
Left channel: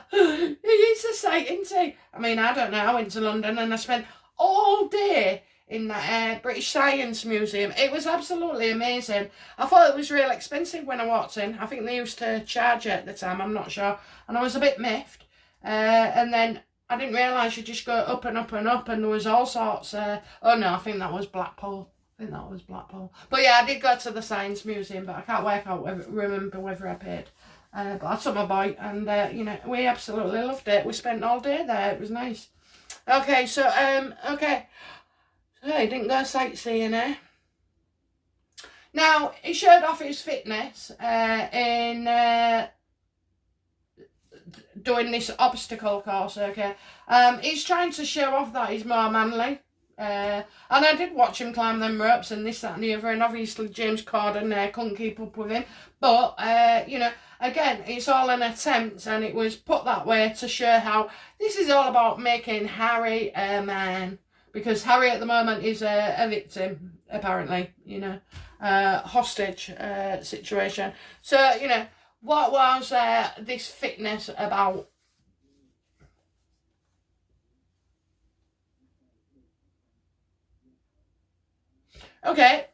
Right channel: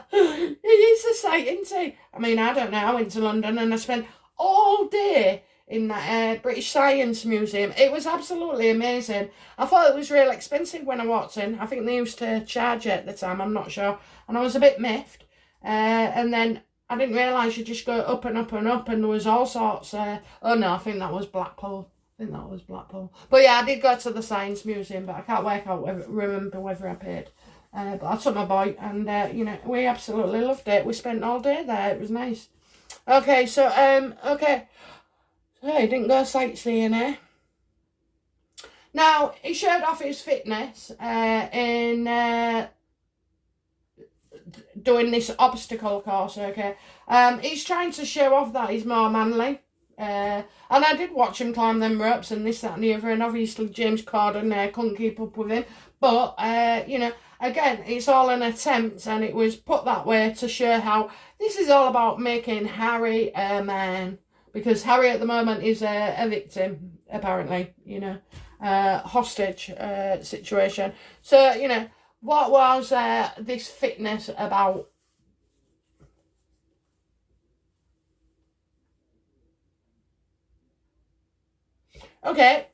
He is the sight, isn't he? I mean, I don't know. I went to London and I spent all day in that British Science Museum. It was absolutely amazing. I thought it was real expensive when I walked in. I think they used to charge it at the time. I'm not sure. And I was a bit miffed. And then I didn't realise you just go up and up and up, and there was all sorts. Oh no, I think that was Blackpool. But yeah, I did go to the Science Museum, but I can't remember whether I paid. But I took my boy, and you know, we absolutely loved it. We spent all day there. It was nice. Okay, so okay, so he didn't go sightseeing, eh? Now he showed off his fitness in doing this obstacle course, okay? He's trying to show off that he's more manly. And I did watch him climb them ropes and this, that and the other, and obviously James Corden couldn't keep up with him. But, you know, again, it's all an attempt, and it was put that way to show how this is all about making Harry a man. Because Harry at the moment is a victim, apparently, you know, hostage situation. So, you know, what was this fitness about? Okay.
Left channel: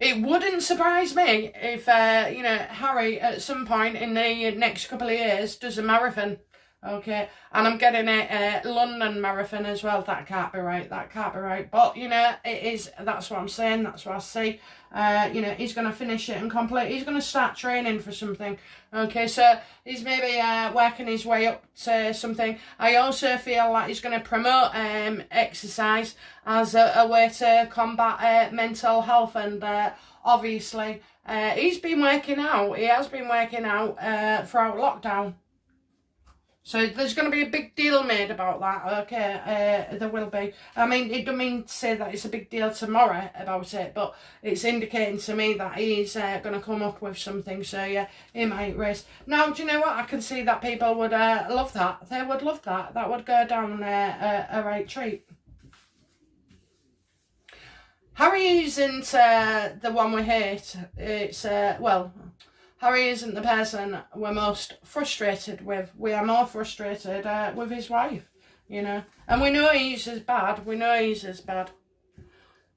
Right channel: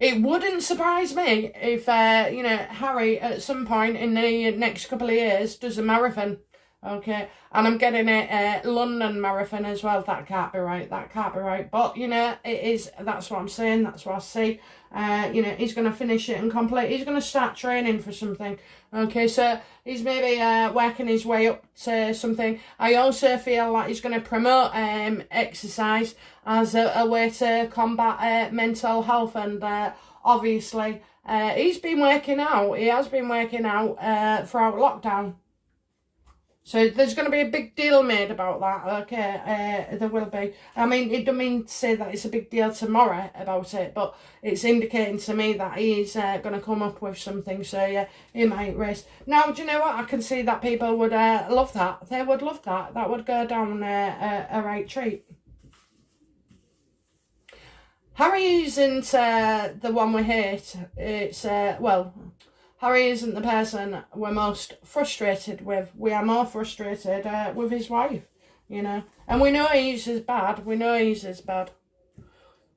It wouldn't surprise me if, you know, Harry at some point in the next couple of years does a marathon. Okay. And I'm getting a London marathon as well. That can't be right. That can't be right. But, you know, it is. That's what I'm saying. That's what I see. You know, he's going to finish it and complete. He's going to start training for something. Okay, so he's maybe working his way up to something. I also feel like he's going to promote exercise as a way to combat mental health. And obviously, he's been working out. He has been working out throughout lockdown. So there's going to be a big deal made about that, okay? There will be. I mean, it doesn't mean to say that it's a big deal tomorrow about it, but it's indicating to me that he's going to come up with something. So, yeah, he might race. Now, do you know what? I can see that people would love that. They would love that. That would go down a right treat. Harry isn't the one we hate. It's, well... Harry isn't the person we're most frustrated with. We are more frustrated with his wife, you know. And we know he's as bad. We know he's as bad.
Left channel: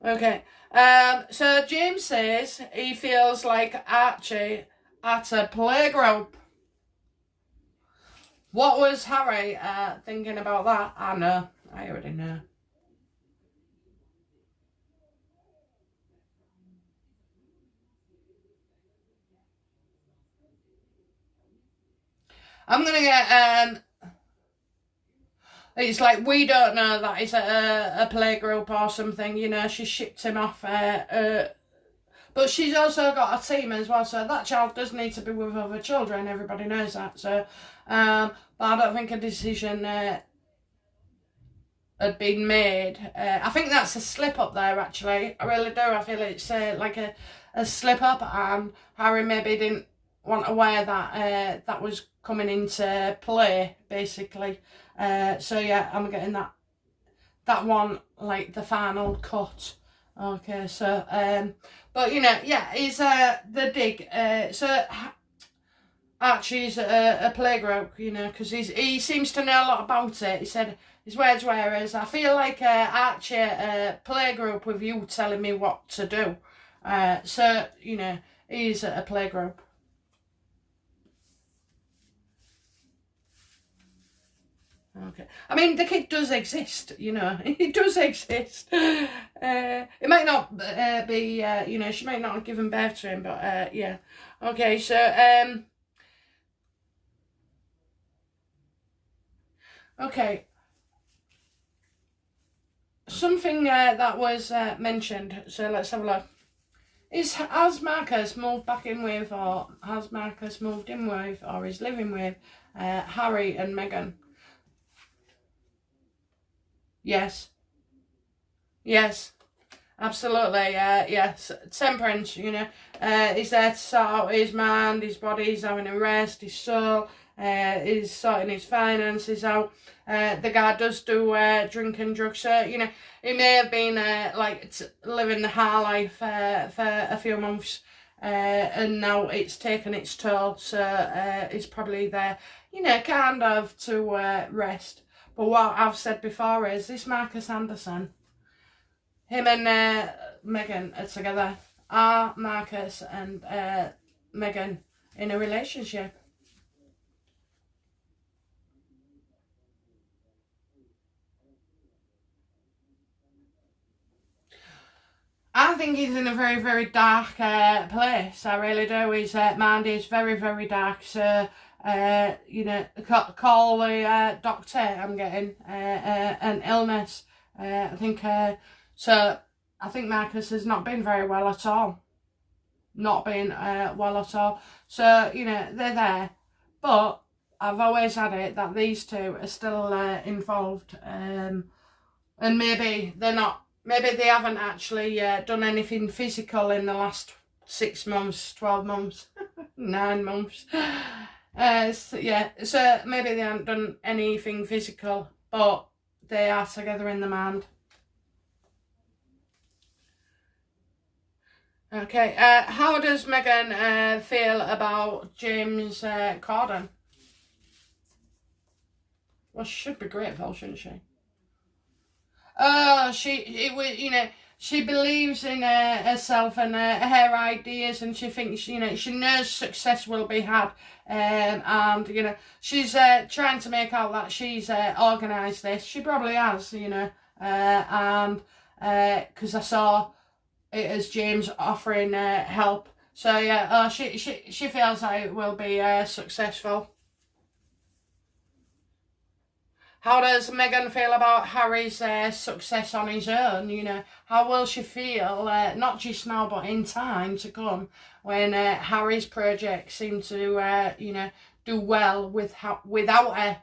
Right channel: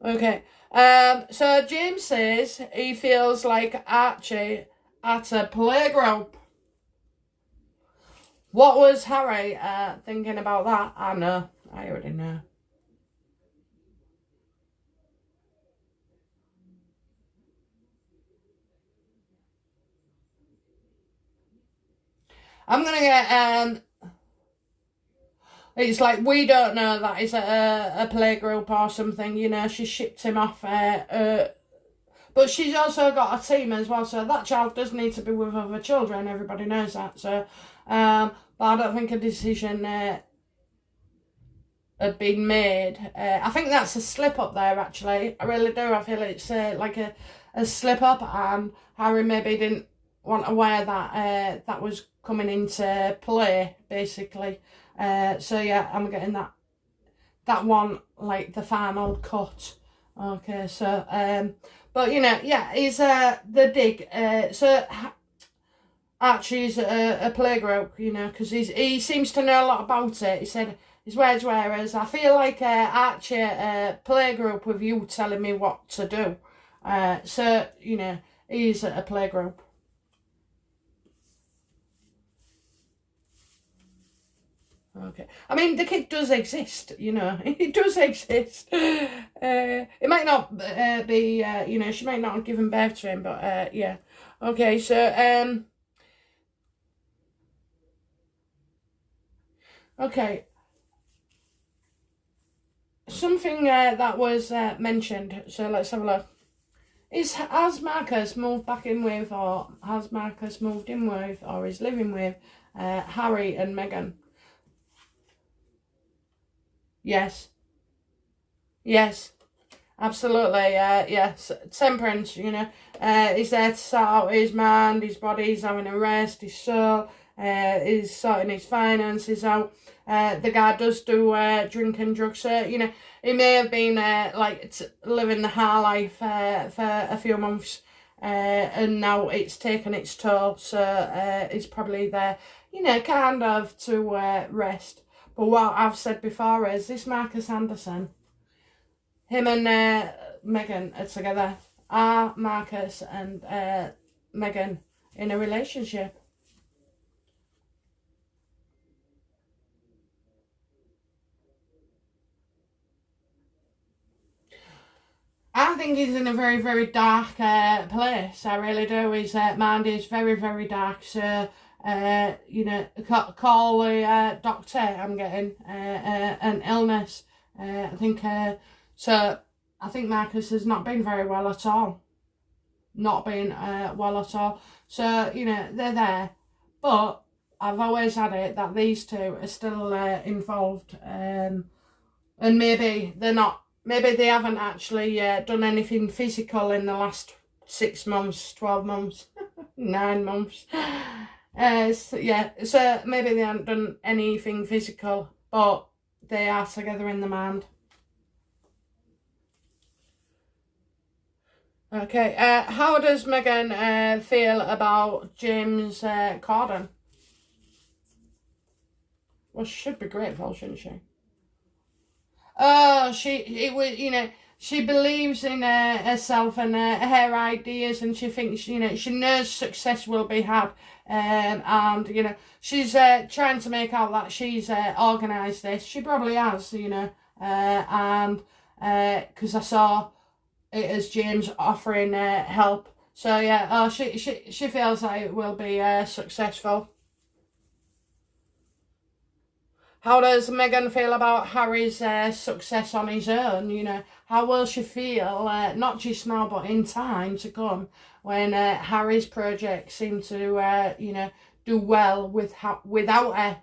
Okay. So James says he feels like Archie at a playgroup. What was Harry thinking about that? I know. I already know. I'm gonna get it's like, we don't know that it's a playgroup or something, you know, she shipped him off. But she's also got a team as well, so that child does need to be with other children, everybody knows that. So, but I don't think a decision had been made. I think that's a slip up there, actually. I really do. I feel it's like a slip up, and Harry maybe didn't want to wear that that was coming into play, basically. So yeah, I'm getting that one, like the final cut. Okay, so but you know, yeah, he's the dig. So Archie's a playgroup, you know, because he seems to know a lot about it. He said his words were, as I feel like Archie playgroup with you telling me what to do. So you know, he's a playgroup. Okay. I mean, the kid does exist, you know. It does exist. It might not be, you know, she might not have given birth to him, but yeah. Okay, so, okay. Something that was mentioned, so let's have a look. Has Marcus moved back in with, or has Marcus moved in with, or is living with Harry and Meghan? Yes. Yes. Absolutely, yes. Temperance, you know. He's there to sort out his mind, his body, he's having a rest, his soul, he's sorting his finances out. The guy does do drink and drugs, so, you know, he may have been like living the high life for a few months, and now it's taken its toll, so he's probably there, you know, kind of to rest. But what I've said before is this Marcus Anderson, him and Meghan are together. Are Marcus and Meghan in a relationship? I think he's in a very, very dark place. I really do. His mind is very, very dark. So, you know, call the doctor. I'm getting an illness. I think so. I think Marcus has not been very well at all. Not been well at all. So, you know, they're there. But I've always had it that these two are still involved. And maybe they're not, maybe they haven't actually done anything physical in the last 6 months, 12 months, 9 months. So, yeah, so maybe they haven't done anything physical, but they are together in the mind. Okay, how does Meghan feel about James Corden? Well, she should be grateful, shouldn't she? Oh, it was, you know, she believes in herself and her ideas, and she thinks, you know, she knows success will be had, and you know, she's trying to make out that she's organised this. She probably has, you know, and because I saw it as James offering help. So yeah, oh, she feels like it will be successful. How does Meghan feel about Harry's success on his own? You know, how will she feel, not just now, but in time to come, when Harry's projects seem to, you know, do well without her?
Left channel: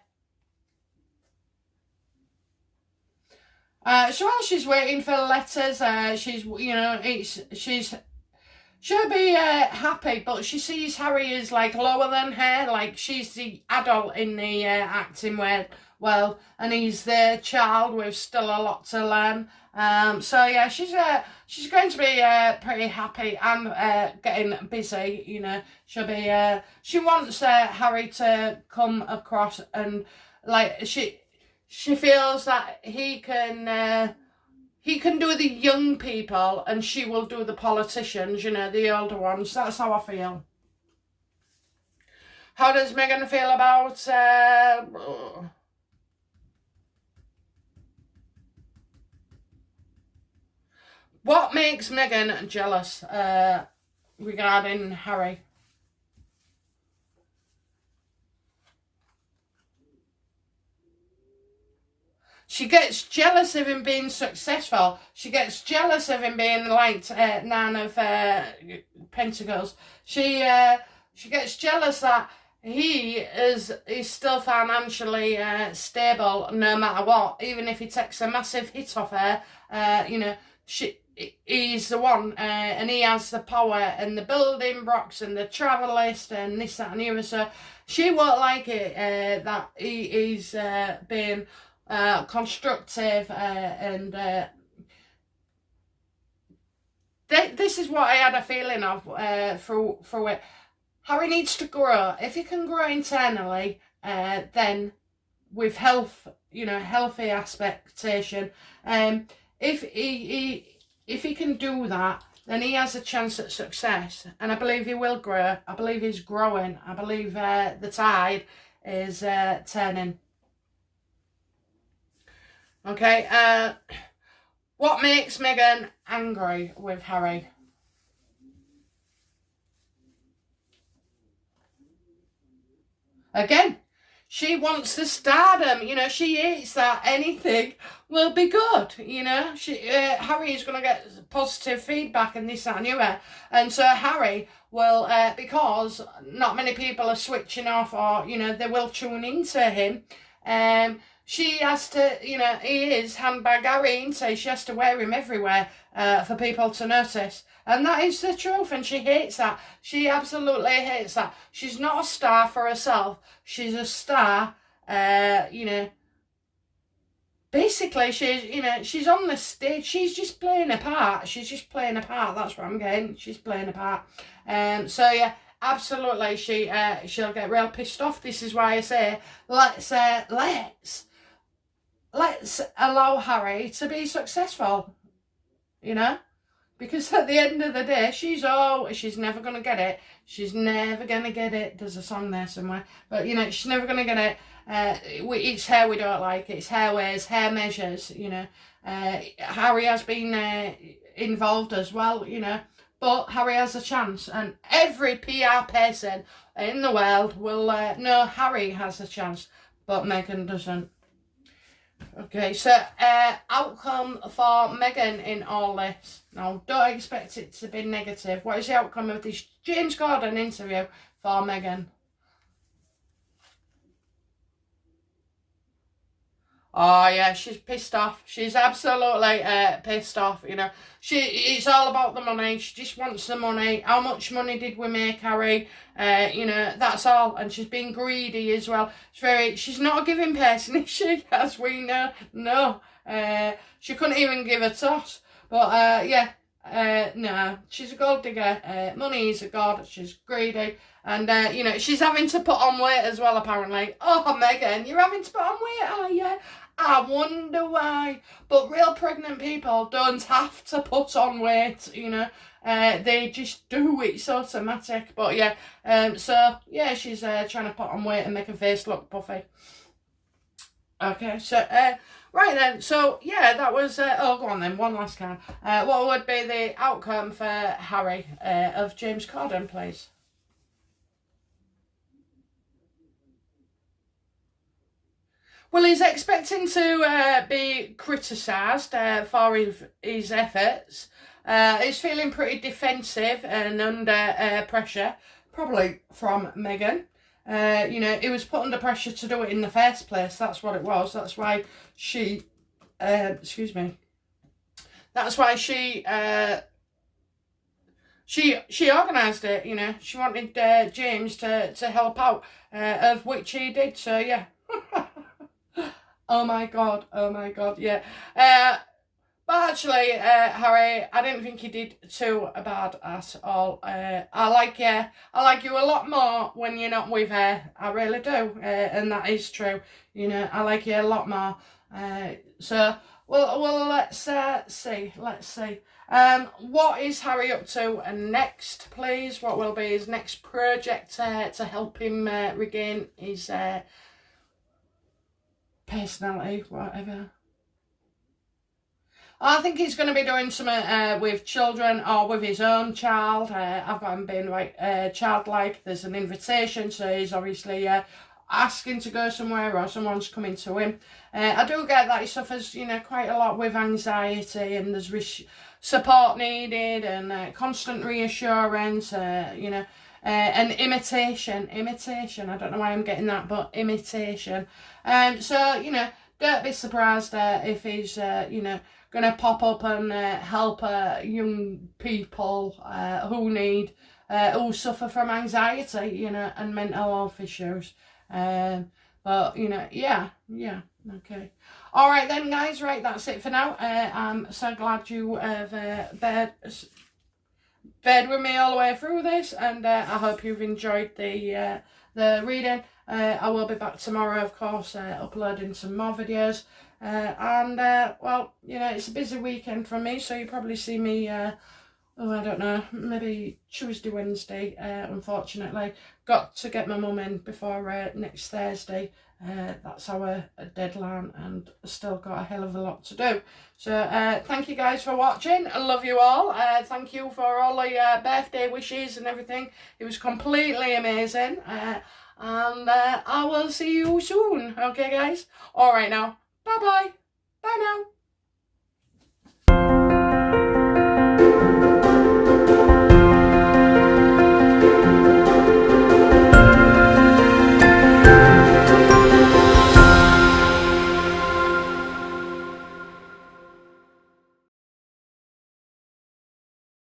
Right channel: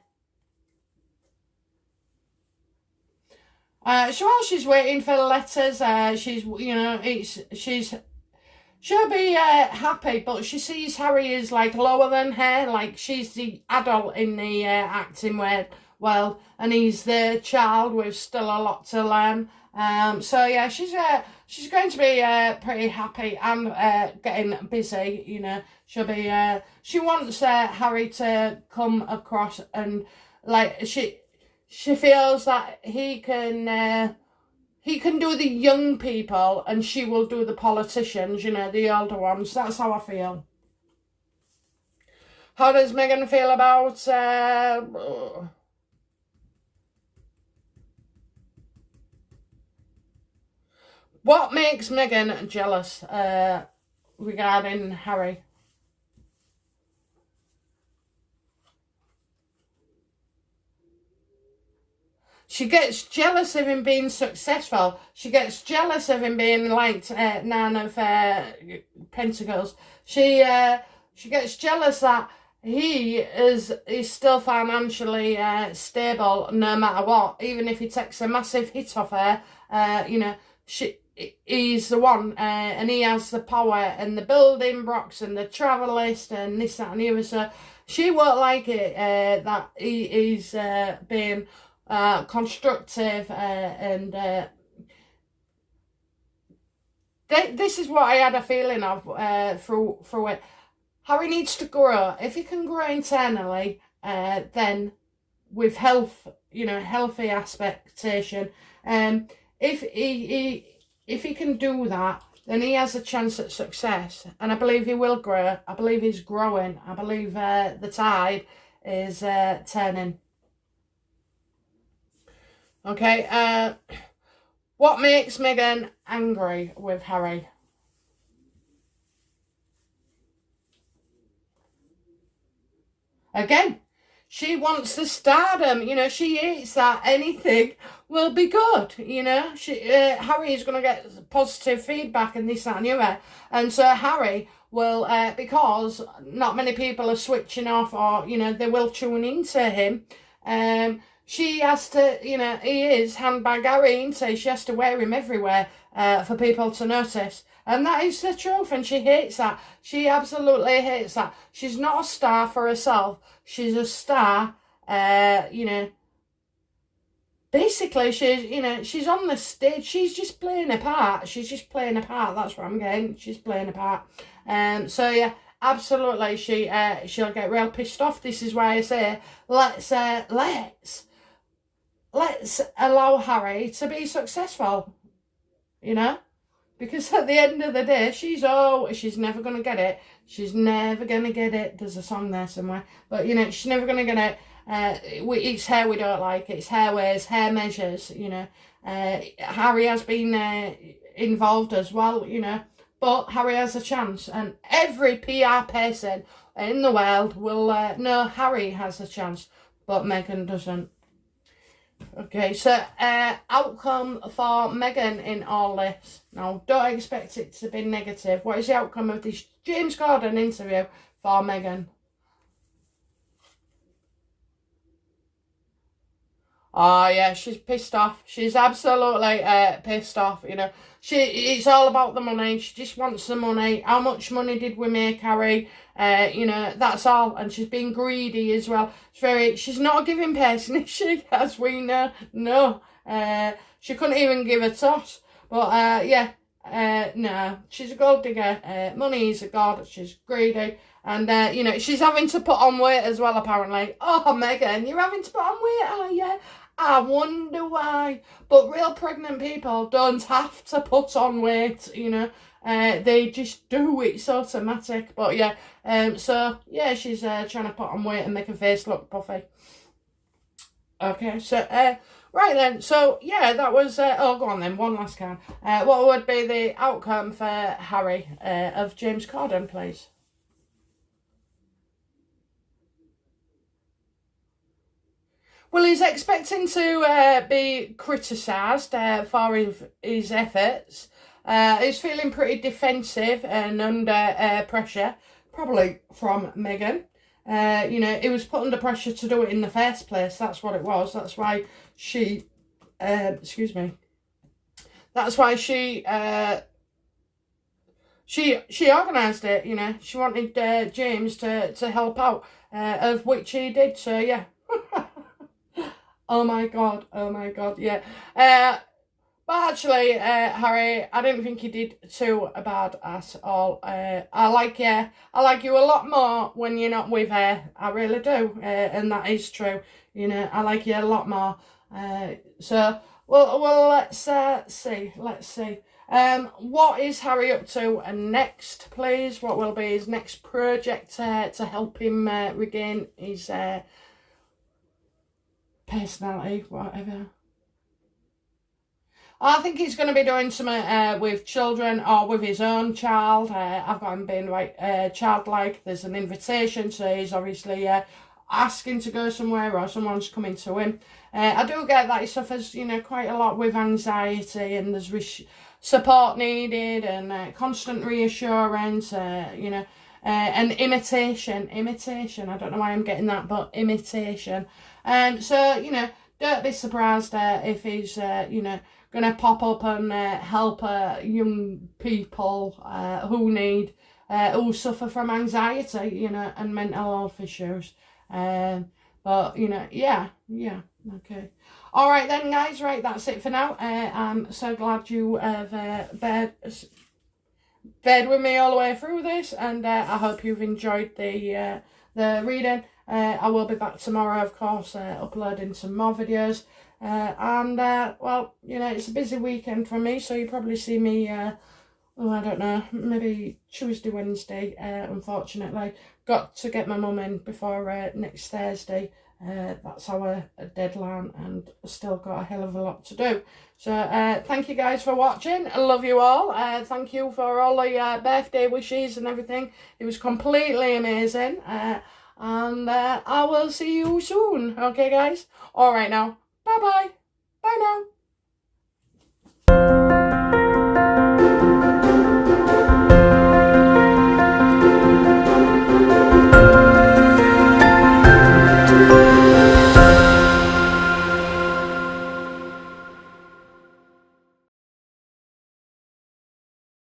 So while she's waiting for letters, she's, you know, she'll be happy, but she sees Harry as like lower than her, like she's the adult in the acting world. Well, and he's the child with still a lot to learn. So yeah, she's going to be pretty happy and getting busy. You know, she'll be she wants Harry to come across, and like she feels that he can do the young people and she will do the politicians, you know, the older ones. That's how I feel. How does Meghan feel about... what makes Meghan jealous regarding Harry? She gets jealous of him being successful. She gets jealous of him being like Nine of Pentacles. She gets jealous that he is still financially stable no matter what. Even if he takes a massive hit off her, you know, he's the one, and he has the power and the building blocks and the travel list and this, that and the other. So she won't like it that he's being... constructive and this is what I had a feeling of through it. Harry needs to grow. If he can grow internally, then with health, you know, healthy expectation, if he can do that, then he has a chance at success, and I believe he will grow. I believe he's growing. I believe the tide is turning. Okay, what makes Meghan angry with Harry? Again, she wants the stardom, you know, she hates that anything will be good, you know. Harry is going to get positive feedback and this, that and the other. And so Harry will, because not many people are switching off or, you know, they will tune into him, she has to, you know, he is handbag Harry, isn't he? She has to wear him everywhere for people to notice. And that is the truth, and she hates that. She absolutely hates that. She's not a star for herself. She's a star, you know. Basically, she's, you know, she's on the stage. She's just playing a part. She's just playing a part. That's what I'm getting. She's playing a part. So, yeah. Absolutely, she'll get real pissed off. This is why I say let's allow Harry to be successful, you know, because at the end of the day, she's never gonna get it. She's never gonna get it. There's a song there somewhere, but you know, she's never gonna get it. It's hair we don't like. It's hair ways, hair measures. You know, Harry has been involved as well. You know. But Harry has a chance, and every PR person in the world will know Harry has a chance, but Meghan doesn't. Okay, so outcome for Meghan in all this. Now, don't expect it to be negative. What is the outcome of this James Corden interview for Meghan? Oh yeah, she's pissed off. She's absolutely pissed off, you know. It's all about the money. She just wants the money. How much money did we make, Harry? You know, that's all. And she's being greedy as well. She's not a giving person, is she? As we know. No. She couldn't even give a toss. But yeah, no. She's a gold digger. Money is a god. She's greedy. And, you know, she's having to put on weight as well, apparently. Oh, Meghan, you're having to put on weight, oh yeah. I wonder why. But real pregnant people don't have to put on weight, you know. They just do. It's automatic. But yeah, so yeah, she's trying to put on weight and make her face look puffy. Okay, so right then, so yeah, that was oh, go on then, one last card. What would be the outcome for Harry of James Corden, please? Well, he's expecting to be criticised for his efforts. He's feeling pretty defensive and under pressure, probably from Meghan. You know, he was put under pressure to do it in the first place. That's what it was. That's why she, excuse me. That's why she organised it. You know, she wanted James to help out, of which he did. So yeah. Oh my god, yeah. But actually, Harry, I didn't think you did too bad at all. I like you a lot more when you're not with her. I really do, and that is true. You know, I like you a lot more. So well, let's see. Let's see. What is Harry up to next, please? What will be his next project to help him regain his personality, whatever? I think he's going to be doing something with children or with his own child. I've got him being childlike. There's an invitation, so he's obviously asking to go somewhere or someone's coming to him. I do get that he suffers, you know, quite a lot with anxiety, and there's support needed and constant reassurance, you know, and imitation. I don't know why I'm getting that, but imitation. So, you know, don't be surprised if he's, you know, going to pop up and help young people who suffer from anxiety, you know, and mental health issues. But, you know, yeah, okay. All right then, guys, right, that's it for now. I'm so glad you have bared with me all the way through this, and I hope you've enjoyed the reading. I will be back tomorrow, of course, uploading some more videos. Well, you know, it's a busy weekend for me, so you probably see me, I don't know, maybe Tuesday, Wednesday, unfortunately. Got to get my mum in before next Thursday. That's our deadline, and still got a hell of a lot to do. So, thank you guys for watching. I love you all. Thank you for all the birthday wishes and everything. It was completely amazing. And I will see you soon. Okay, guys? All right now. Bye-bye. Bye now.